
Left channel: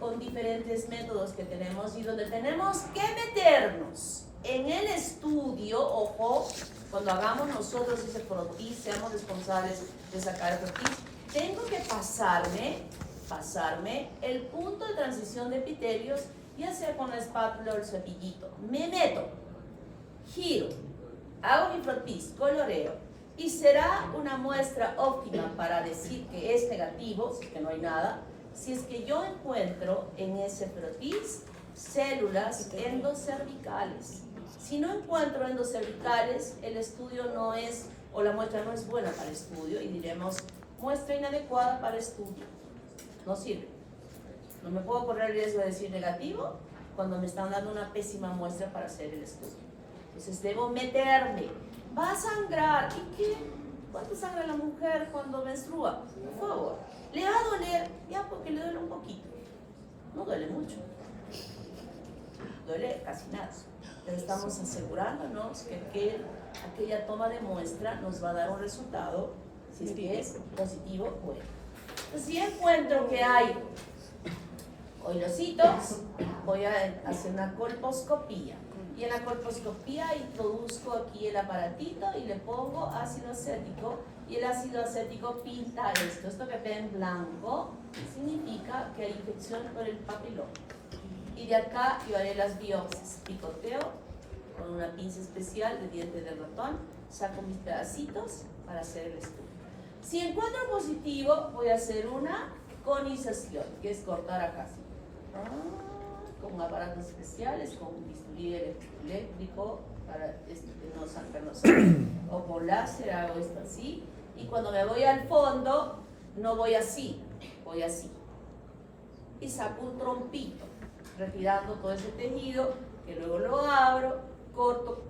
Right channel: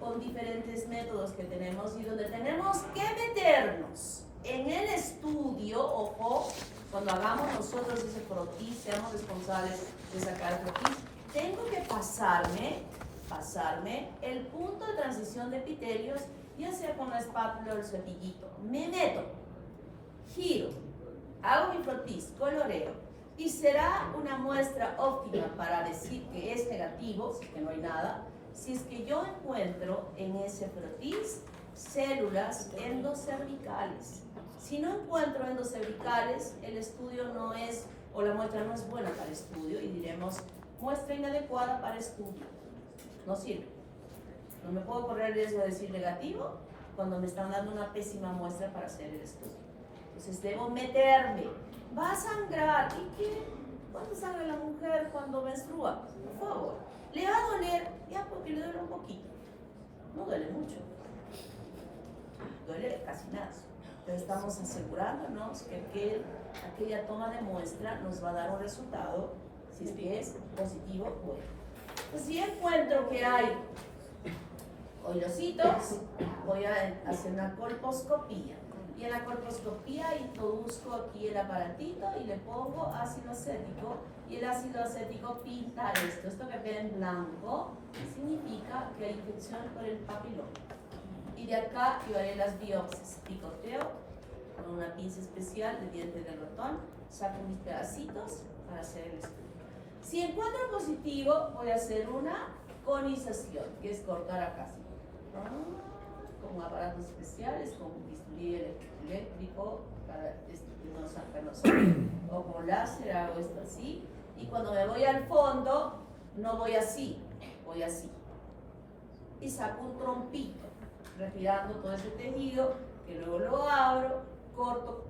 con diferentes métodos que tenemos y donde tenemos que meternos en el estudio. Ojo, cuando hagamos nosotros ese frotis, seamos responsables de sacar el frotis, tengo que pasarme el punto de transición de epitelios, ya sea con la espátula o el cepillito. Me meto, giro, hago mi frotis, coloreo, y será una muestra óptima para decir que es negativo, si es que no hay nada, si es que yo encuentro en ese frotis células endocervicales. Si no encuentro endocervicales, el estudio no es, o la muestra no es buena para el estudio, y diremos, muestra inadecuada para estudio. No sirve. No me puedo correr el riesgo de decir negativo cuando me están dando una pésima muestra para hacer el estudio. Entonces debo meterme. Va a sangrar. ¿Y qué? ¿Cuánto sangra la mujer cuando menstrua? Por favor. ¿Le va a doler? Ya, porque le duele un poquito. No duele mucho. Duele casi nada. Pero estamos asegurándonos que aquella toma de muestra nos va a dar un resultado, si es que es positivo o bueno. Entonces, si encuentro que hay hoyositos, voy a hacer una colposcopía. Y en la colposcopía introduzco aquí el aparatito y le pongo ácido acético. Y el ácido acético pinta esto. Esto que ve en blanco significa que hay infección por el papiloma. Y de acá yo haré las biopsias. Picoteo con una pinza especial de diente de ratón. Saco mis pedacitos para hacer el estudio. Si encuentro positivo, voy a hacer una conización, que es cortar acá así. Con aparatos especiales, con un bisturí eléctrico para no sacarnos o con láser, hago esto así. Y cuando me voy al fondo, no voy así, voy así. Y saco un trompito, retirando todo ese tejido, que luego lo abro, corto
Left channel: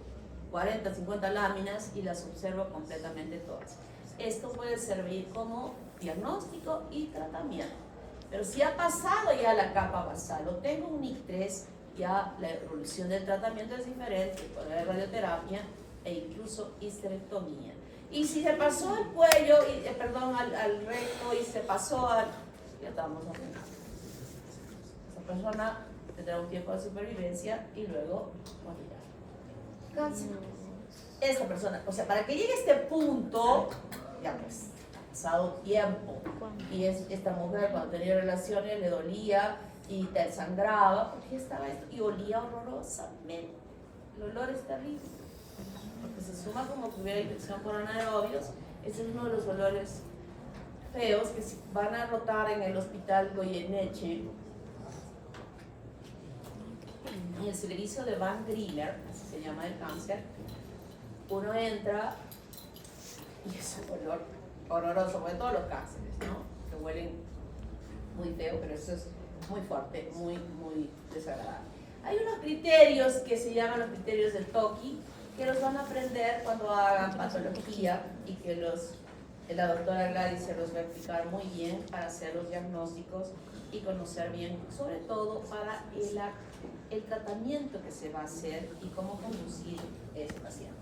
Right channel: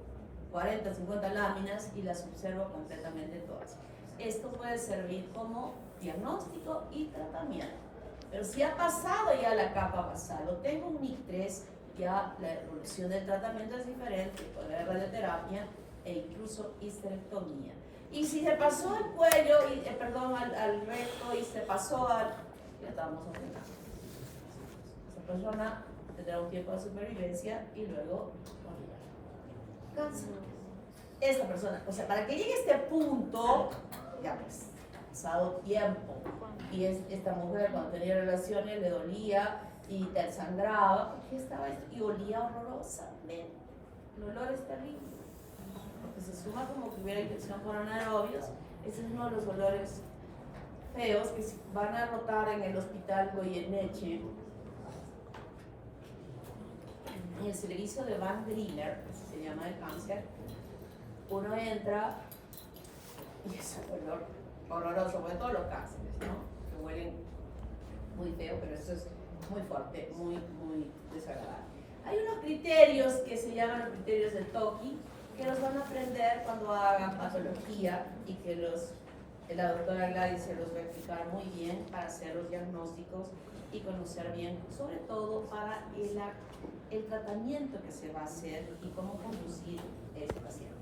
40, 50 láminas y las observo completamente todas. Esto puede servir como diagnóstico y tratamiento. Pero si ha pasado ya la capa basal o tengo un NIC3, ya la evolución del tratamiento es diferente. Puede haber radioterapia e incluso histerectomía. Y si se pasó el cuello, al recto y se pasó ya estamos haciendo. Esa persona tendrá un tiempo de supervivencia y luego morirá. Cáncer. Esta persona, o sea, para que llegue a este punto, ya pues, ha pasado tiempo. Y esta mujer cuando tenía relaciones le dolía y te sangraba porque estaba esto y olía horrorosamente. El olor es terrible. Porque se suma como que hubiera infección por anaerobios. Ese es uno de los olores feos que van a rotar en el hospital Goyeneche. En el servicio de Van Griller, así se llama el cáncer, uno entra y es un olor horroroso, porque todos los cánceres, ¿no? Que huelen muy feo, pero eso es muy fuerte, muy desagradable. Hay unos criterios que se llaman los criterios del TOCI, que los van a aprender cuando hagan patología y que la doctora Gladys se los va a explicar muy bien para hacer los diagnósticos y conocer bien, sobre todo para el tratamiento que se va a hacer y cómo conducir a ese paciente.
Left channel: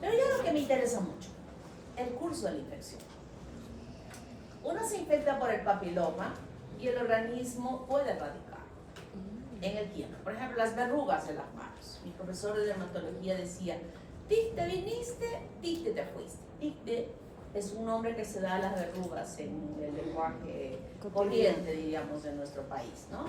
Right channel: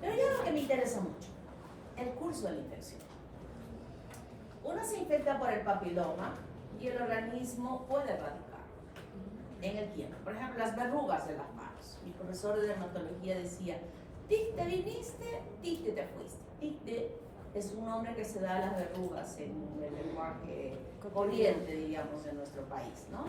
Pero ya lo que me interesa mucho, el curso de la infección. Uno se infecta por el papiloma y el organismo puede erradicar en el tiempo. Por ejemplo, las verrugas de las manos. Mi profesor de dermatología decía, tic te viniste, tic te fuiste, tic te es un nombre que se da a las verrugas en el lenguaje corriente, diríamos, de nuestro país, ¿no?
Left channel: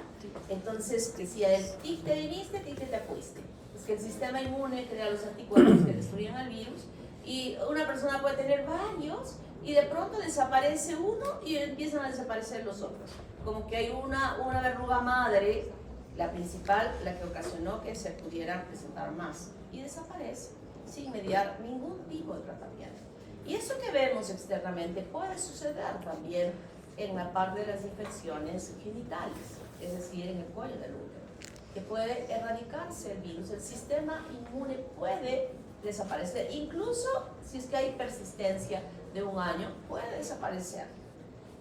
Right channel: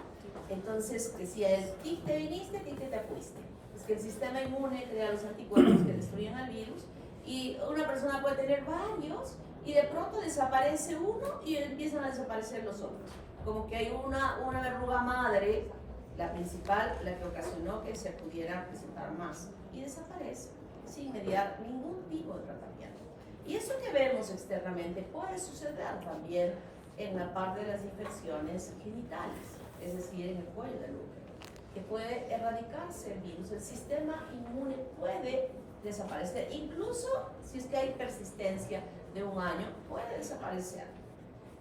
Entonces, decía él, tic te viniste, tic te fuiste. Es que el sistema inmune crea los anticuerpos que destruyen el virus y una persona puede tener varios y de pronto desaparece uno y empiezan a desaparecer los otros. Como que hay una verruga madre, la principal, la que ocasionó que se pudieran presentar más y desaparece sin mediar ningún tipo de tratamiento. Y eso que vemos externamente puede suceder también en la parte de las infecciones genitales, es decir, en el cuello del útero, que puede erradicarse el virus. El sistema inmune puede desaparecer, incluso si es que hay persistencia de un año, puede desaparecer.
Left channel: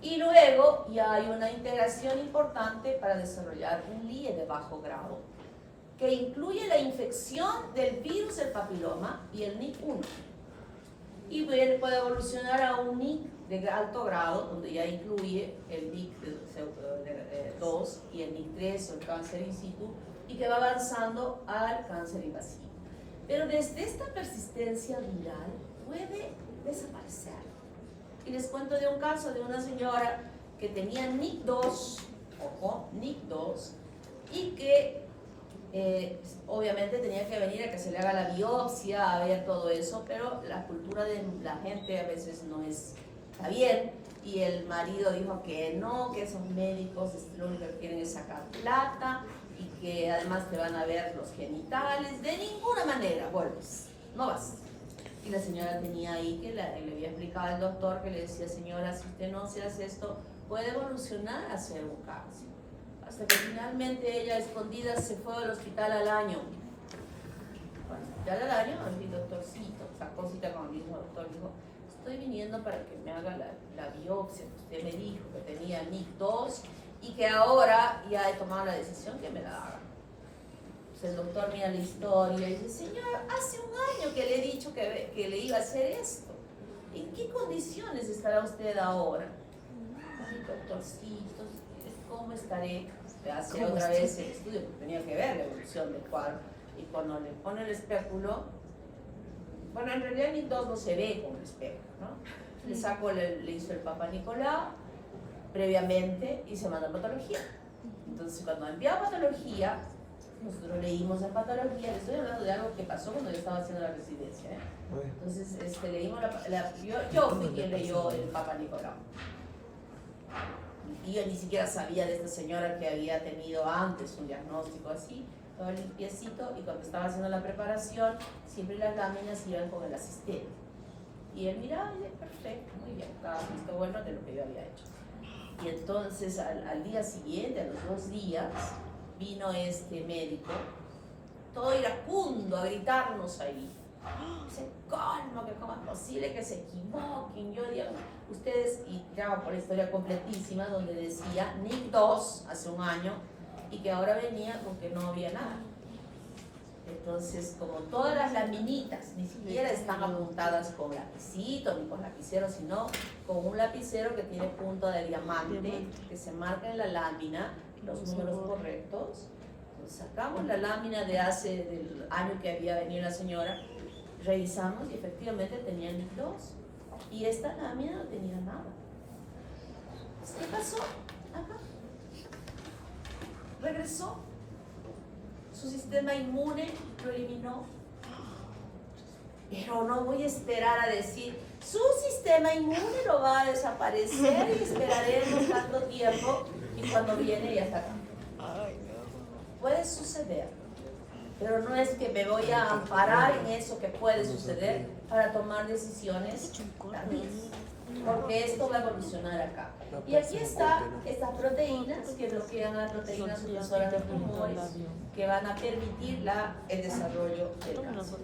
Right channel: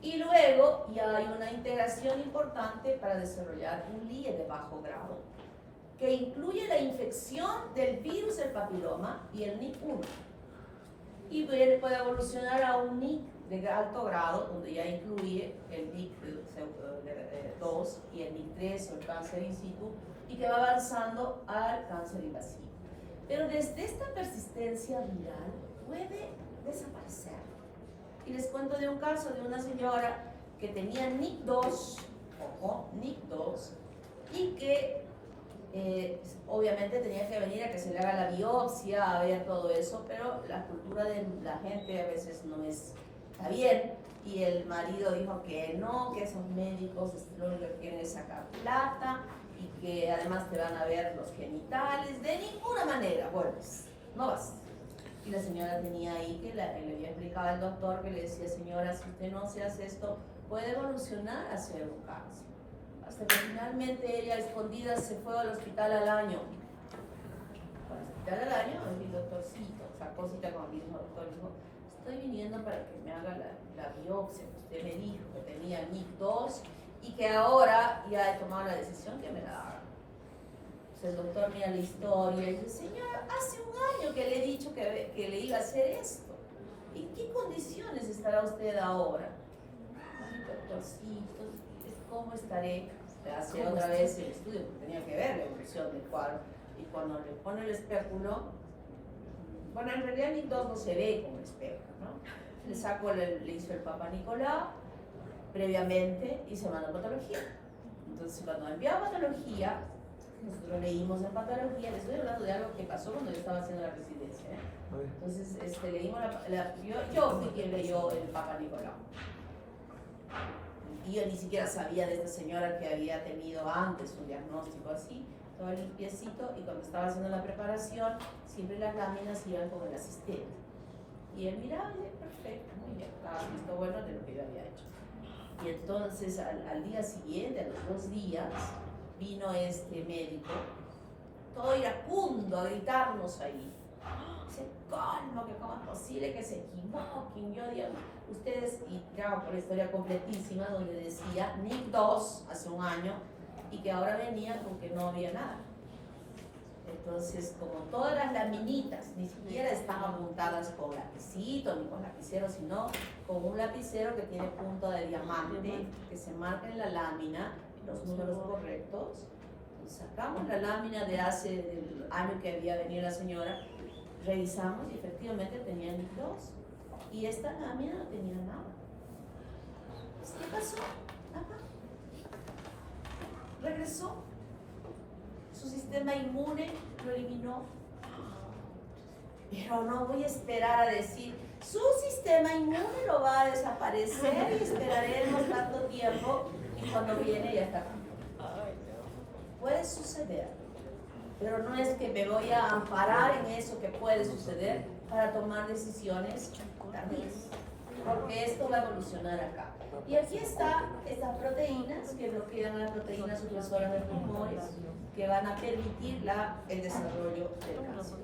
Y luego ya hay una integración importante para desarrollar un LIE de bajo grado, que incluye la infección del virus del papiloma y el NIC1. Y puede evolucionar a un NIC de alto grado, donde ya incluye el NIC2 y el NIC3 o el cáncer in situ, y que va avanzando al cáncer invasivo. Pero desde esta persistencia viral puede desaparecer. Y les cuento de un caso de una señora que tenía NIC2, ojo, NIC2, y que obviamente tenía que venir a que se le haga la biopsia, a ver todo eso, pero la cultura de la gente a veces no está bien, y el marido dijo que no, que esos médicos lo único que quieren es sacar plata, y que además te van a ver los genitales, de ninguna manera, vuelves, no vas. Y la señora tenía ahí que le había explicado al doctor, que le decía, señora, si usted no se hace esto, puede evolucionar a ser un cáncer. Hasta que finalmente ella, escondida, se fue al hospital al año. Al hospital al año, el doctorcito, sacó cita con el mismo doctor, dijo, estoy viniendo para que me haga la biopsia, que usted me dijo que tenía NIC2 y que ahora ya he tomado la decisión que me la haga. El doctor mira la historia y dice, señor, hace un año que le he dicho que le iba a hacer esto. ¿En qué condiciones estará usted ahora? Ay, doctorcito, ¿cómo estaré? Hace otra vez el estudio, porque tenía que ver la evolución del cuadro. Y cuando le pone el espéculo, bueno, en realidad ni todo se ve con el espéculo, ¿no? Le saco, le hizo el Papa Nicolau previamente y se mandó a patología. Entonces, cuando envió a patología, nosotros leímos en patología, les estoy hablando de algo que pasó cuando yo estaba haciendo la residencia, ¿eh? Entonces, leímos yo fui quien leyó el Papa Nicolau. Y yo ni siquiera sabía de esta señora que había tenido antes un diagnóstico así, todo limpiecito, y cuando estaba haciendo la preparación, siempre las láminas iban con el asistente. Y él miraba, perfecto, muy bien, estaba visto bueno de lo que yo había hecho. Y entonces, al día siguiente, a los 2 días, vino este médico, todo iracundo, a gritarnos ahí. Dice, ¿cómo es posible que se equivoquen? Yo digo, ustedes, y ya por la historia completísima, donde decía NIC2 hace un año, y que ahora venía con que no había nada. Entonces, como todas las laminitas ni siquiera están apuntadas con lapicito ni con lapicero, sino con un lapicero que tiene punta de diamante, que se marca en la lámina los números correctos. Entonces, sacamos la lámina del año que había venido la señora, revisamos y efectivamente tenía NIC2, y esta lámina no tenía nada. ¿Qué pasó? Ajá. Regresó. Su sistema inmune lo eliminó. Pero no voy a esperar a decir, su sistema inmune lo va a desaparecer y esperaremos tanto tiempo y cuando viene ya está acá. Puede suceder, pero no es que me voy a amparar en eso que puede suceder para tomar decisiones también, porque esto va a evolucionar acá. Y aquí están estas proteínas que bloquean las proteínas supresoras de tumores, que van a permitir el desarrollo del cáncer.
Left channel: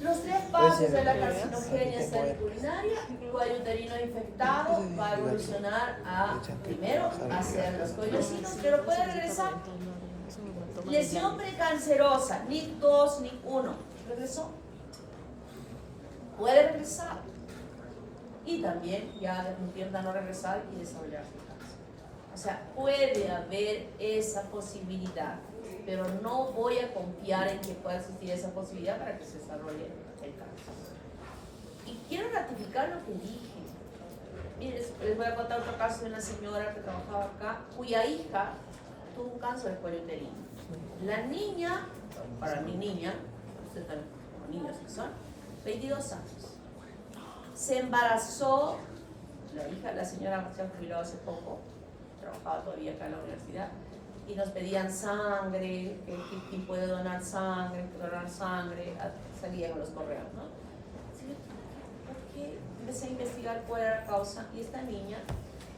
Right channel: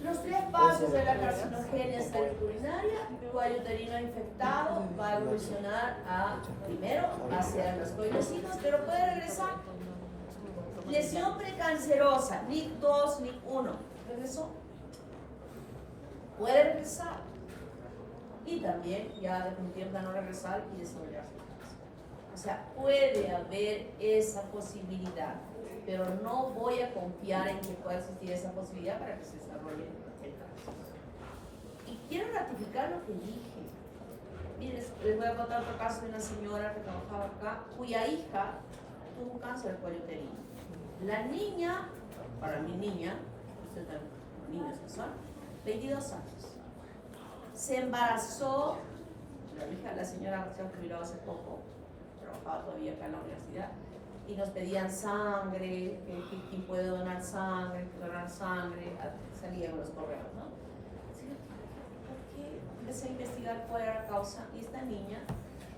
Los 3 pasos de la carcinogénesis urinaria, cuello uterino infectado, va a evolucionar primero hacia los coyocitos, pero puede regresar. Lesión precancerosa, NIC2, NIC1, regresó. Puede regresar. Y también ya intenta no regresar y desarrollar su cáncer. O sea, puede haber esa posibilidad, pero no voy a confiar en que pueda existir esa posibilidad para que se desarrolle el cáncer. Y quiero ratificar explicar lo que dije. Miren, les voy a contar otro caso de una señora que trabajaba acá, cuya hija tuvo un cáncer de cuello uterino. La niña, para mi niña, ustedes también como niños que son, 22 años. Se embarazó, la señora se ha jubilado hace poco, trabajaba todavía acá en la universidad, y nos pedían sangre, quién puede donar sangre, salían los correos, ¿no? ¿Por qué? Empecé a investigar cuál era la causa, y esta niña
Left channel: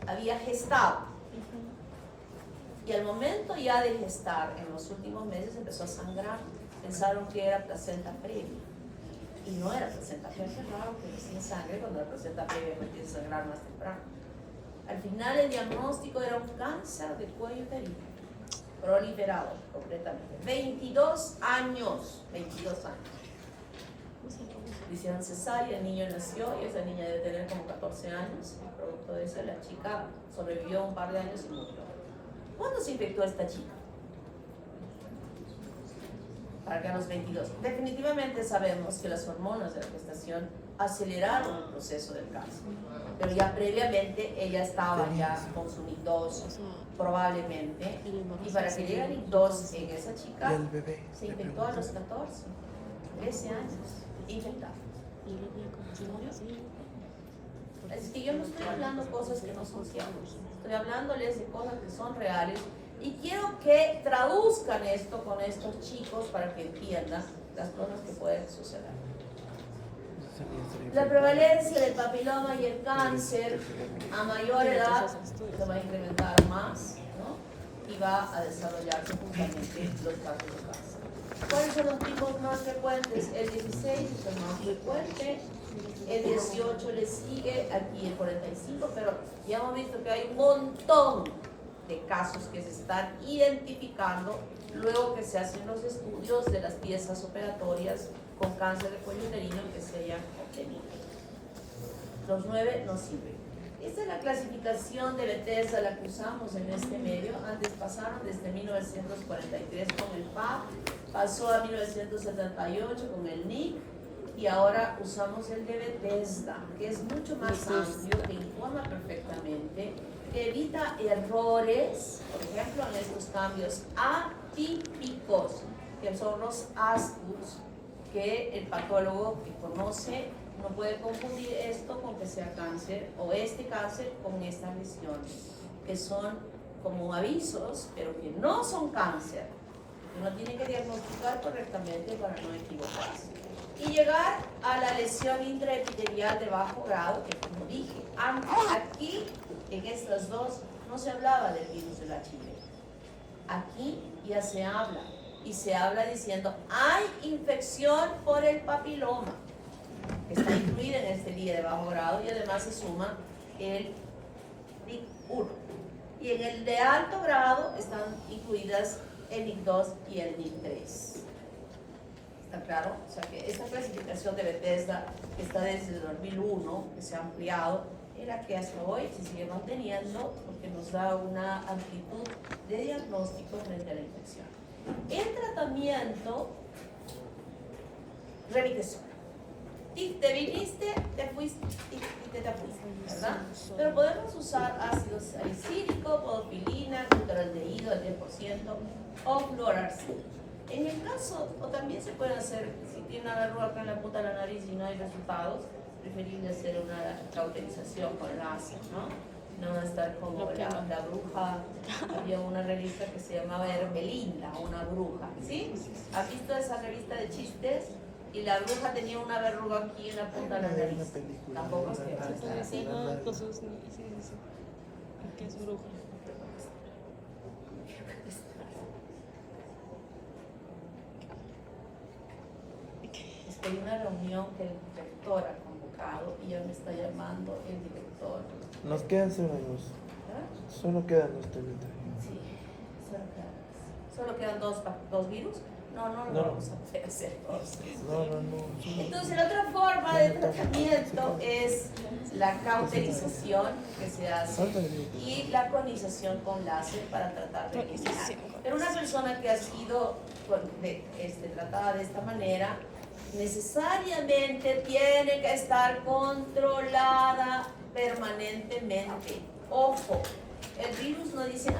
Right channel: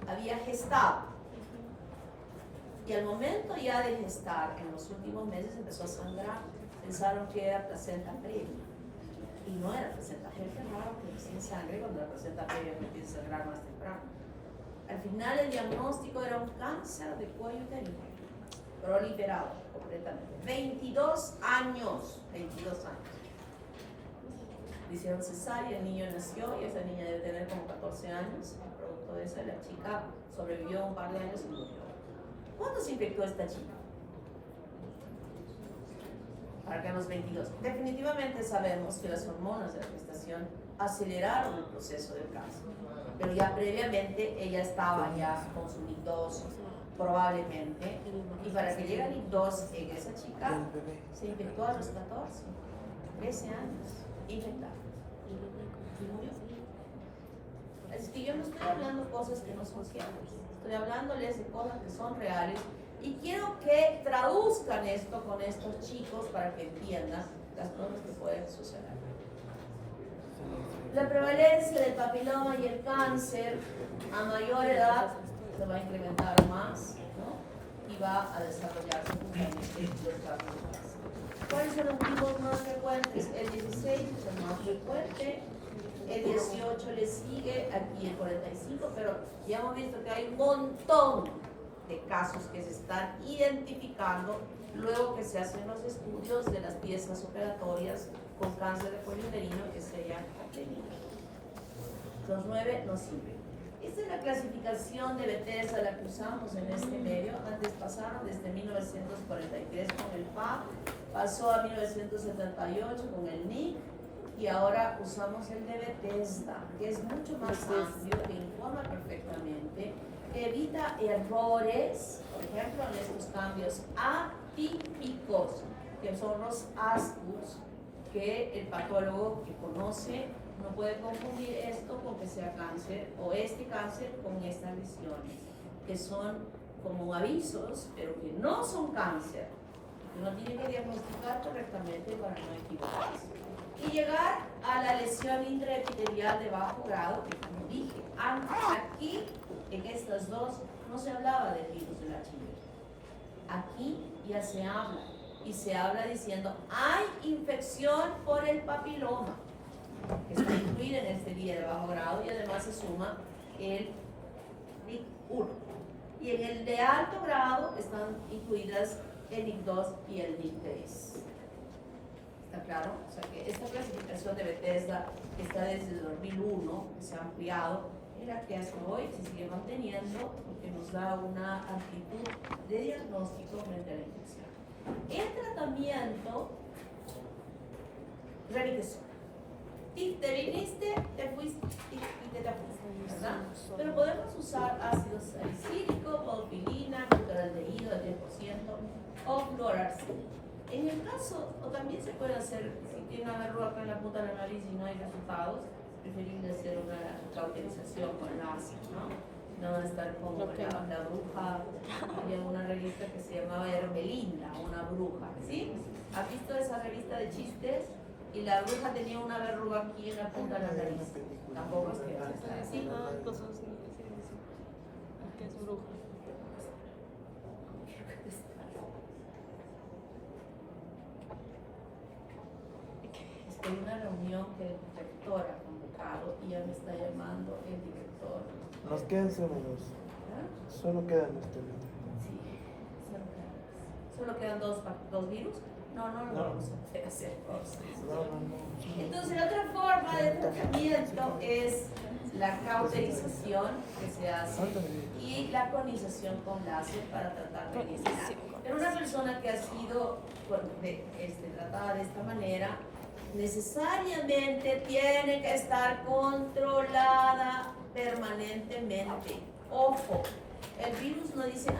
había gestado. Y al momento ya de gestar, en los últimos meses empezó a sangrar. Pensaron que era placenta previa. Y no era placenta previa. Es raro que sin sangre cuando la placenta previa no empieza a sangrar más temprano. Al final el diagnóstico era un cáncer de cuello uterino, proliferado completamente. 22 años. 22 años. Le hicieron cesárea, el niño nació y esa niña debe tener como 14 años. Producto de eso, la chica sobrevivió un par de años y murió. ¿Cuándo se infectó esta chica? Para que a los 22. Definitivamente sabemos que las hormonas de la gestación aceleraron el proceso del cáncer. Pero ya previamente ella estaba ya con su NIC2, probablemente. Y para que llegue el NIC2 en esa chica, se infectó a los 14, 13 años, infectada. ¿Y murió? Es que yo no estoy hablando cosas que no son ciertas. Estoy hablándoles de cosas que son reales y quiero que traduzcan esto con estos chicos para que entiendan las cosas que pueden suceder. La prevalencia del papiloma y el cáncer a mayor edad se va a incrementar más, ¿no? Y va a desarrollarse justamente los casos de cáncer. ¿Cuáles son los tipos más frecuentes? El 16 es el más frecuente. El 18 le sigue, aquí el 45, pero ya hemos visto que hay un montón de casos que se están identificando luego que se hacen los estudios de las piezas operatorias con cáncer de cuello uterino que se hayan obtenido. Los 9 no sirven. Esta es la clasificación de Bethesda, la que usamos en este medio. Antes pasaron desde 1943 con el PAP, pasó a 1978 con el NIC, y ahora usamos el de Bethesda, que es mucho más amplio, que informa perfectamente, que evita errores, por ejemplo, en estos cambios atípicos, que son los ASCUS, que el patólogo que conoce no puede confundir esto con que sea cáncer, o este cáncer con esta lesión, que son como avisos, pero que no son cáncer, que uno tiene que diagnosticar correctamente para no equivocarse. Y llegar a la lesión intraepitelial de bajo grado, que como dije, aquí, en estas dos, no se hablaba del virus del HIV. Aquí ya se habla, y se habla diciendo, hay infección por el papiloma, que está incluida en este día de bajo grado, y además se suma el NIC1. Y en el de alto grado están incluidas el NIC2 y el NIC3. ¿Está claro? O sea que esta clasificación de Bethesda, que está desde el 2001, que se ha ampliado, es la que hasta hoy se sigue manteniendo porque nos da una amplitud de diagnóstico frente a la infección. El tratamiento, remite solo. Y te viniste, te fuiste y te fuiste, ¿verdad? Pero podemos usar ácido salicílico, podopilina, glutaraldehído al 10% o fluoracil. En el caso, o también se puede hacer, si tiene una verruga acá en la punta de la nariz y no hay resultados, preferible hacer una cauterización con el ácido, ¿no? No estar como la bruja, había una revista que se llamaba Hermelinda, una bruja, ¿sí? ¿Has visto esa revista de chistes? Y la bruja tenía una verruga aquí en la punta de la nariz. Tampoco es que sea así. Cosas sí, que es bruja. Hay una reunión que el director ha convocado y ya me está llamando el director. Nos quedan 0 minutos. ¿Ah? Solo quedan los temas. Sí, solo quedan dos virus. No vamos a poder hacer cosas. No. Entonces, la otra forma de tratamiento es la cauterización que se hace y la conización con láser para tratar de eliminar. Pero una persona que ha sido tratada de esta manera necesariamente tiene que estar controlada permanentemente. Ojo, el virus no dice,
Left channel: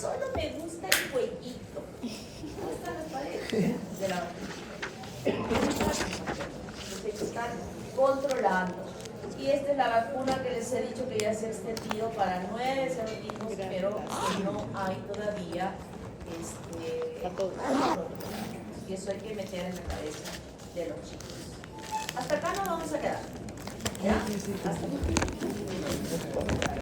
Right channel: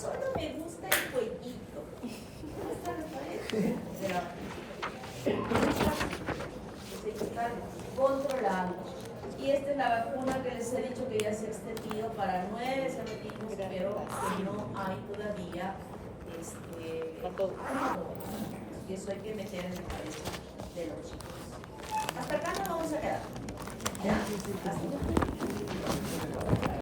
solo me gusta el jueguito. ¿Dónde están las paredes? De la tiene que estar controlando. Y esta es la vacuna que les he dicho que ya se ha extendido para 9 serotinos, pero que no hay todavía y eso hay que meter en la cabeza de los chicos. Hasta acá nos vamos a quedar. ¿Ya? Hasta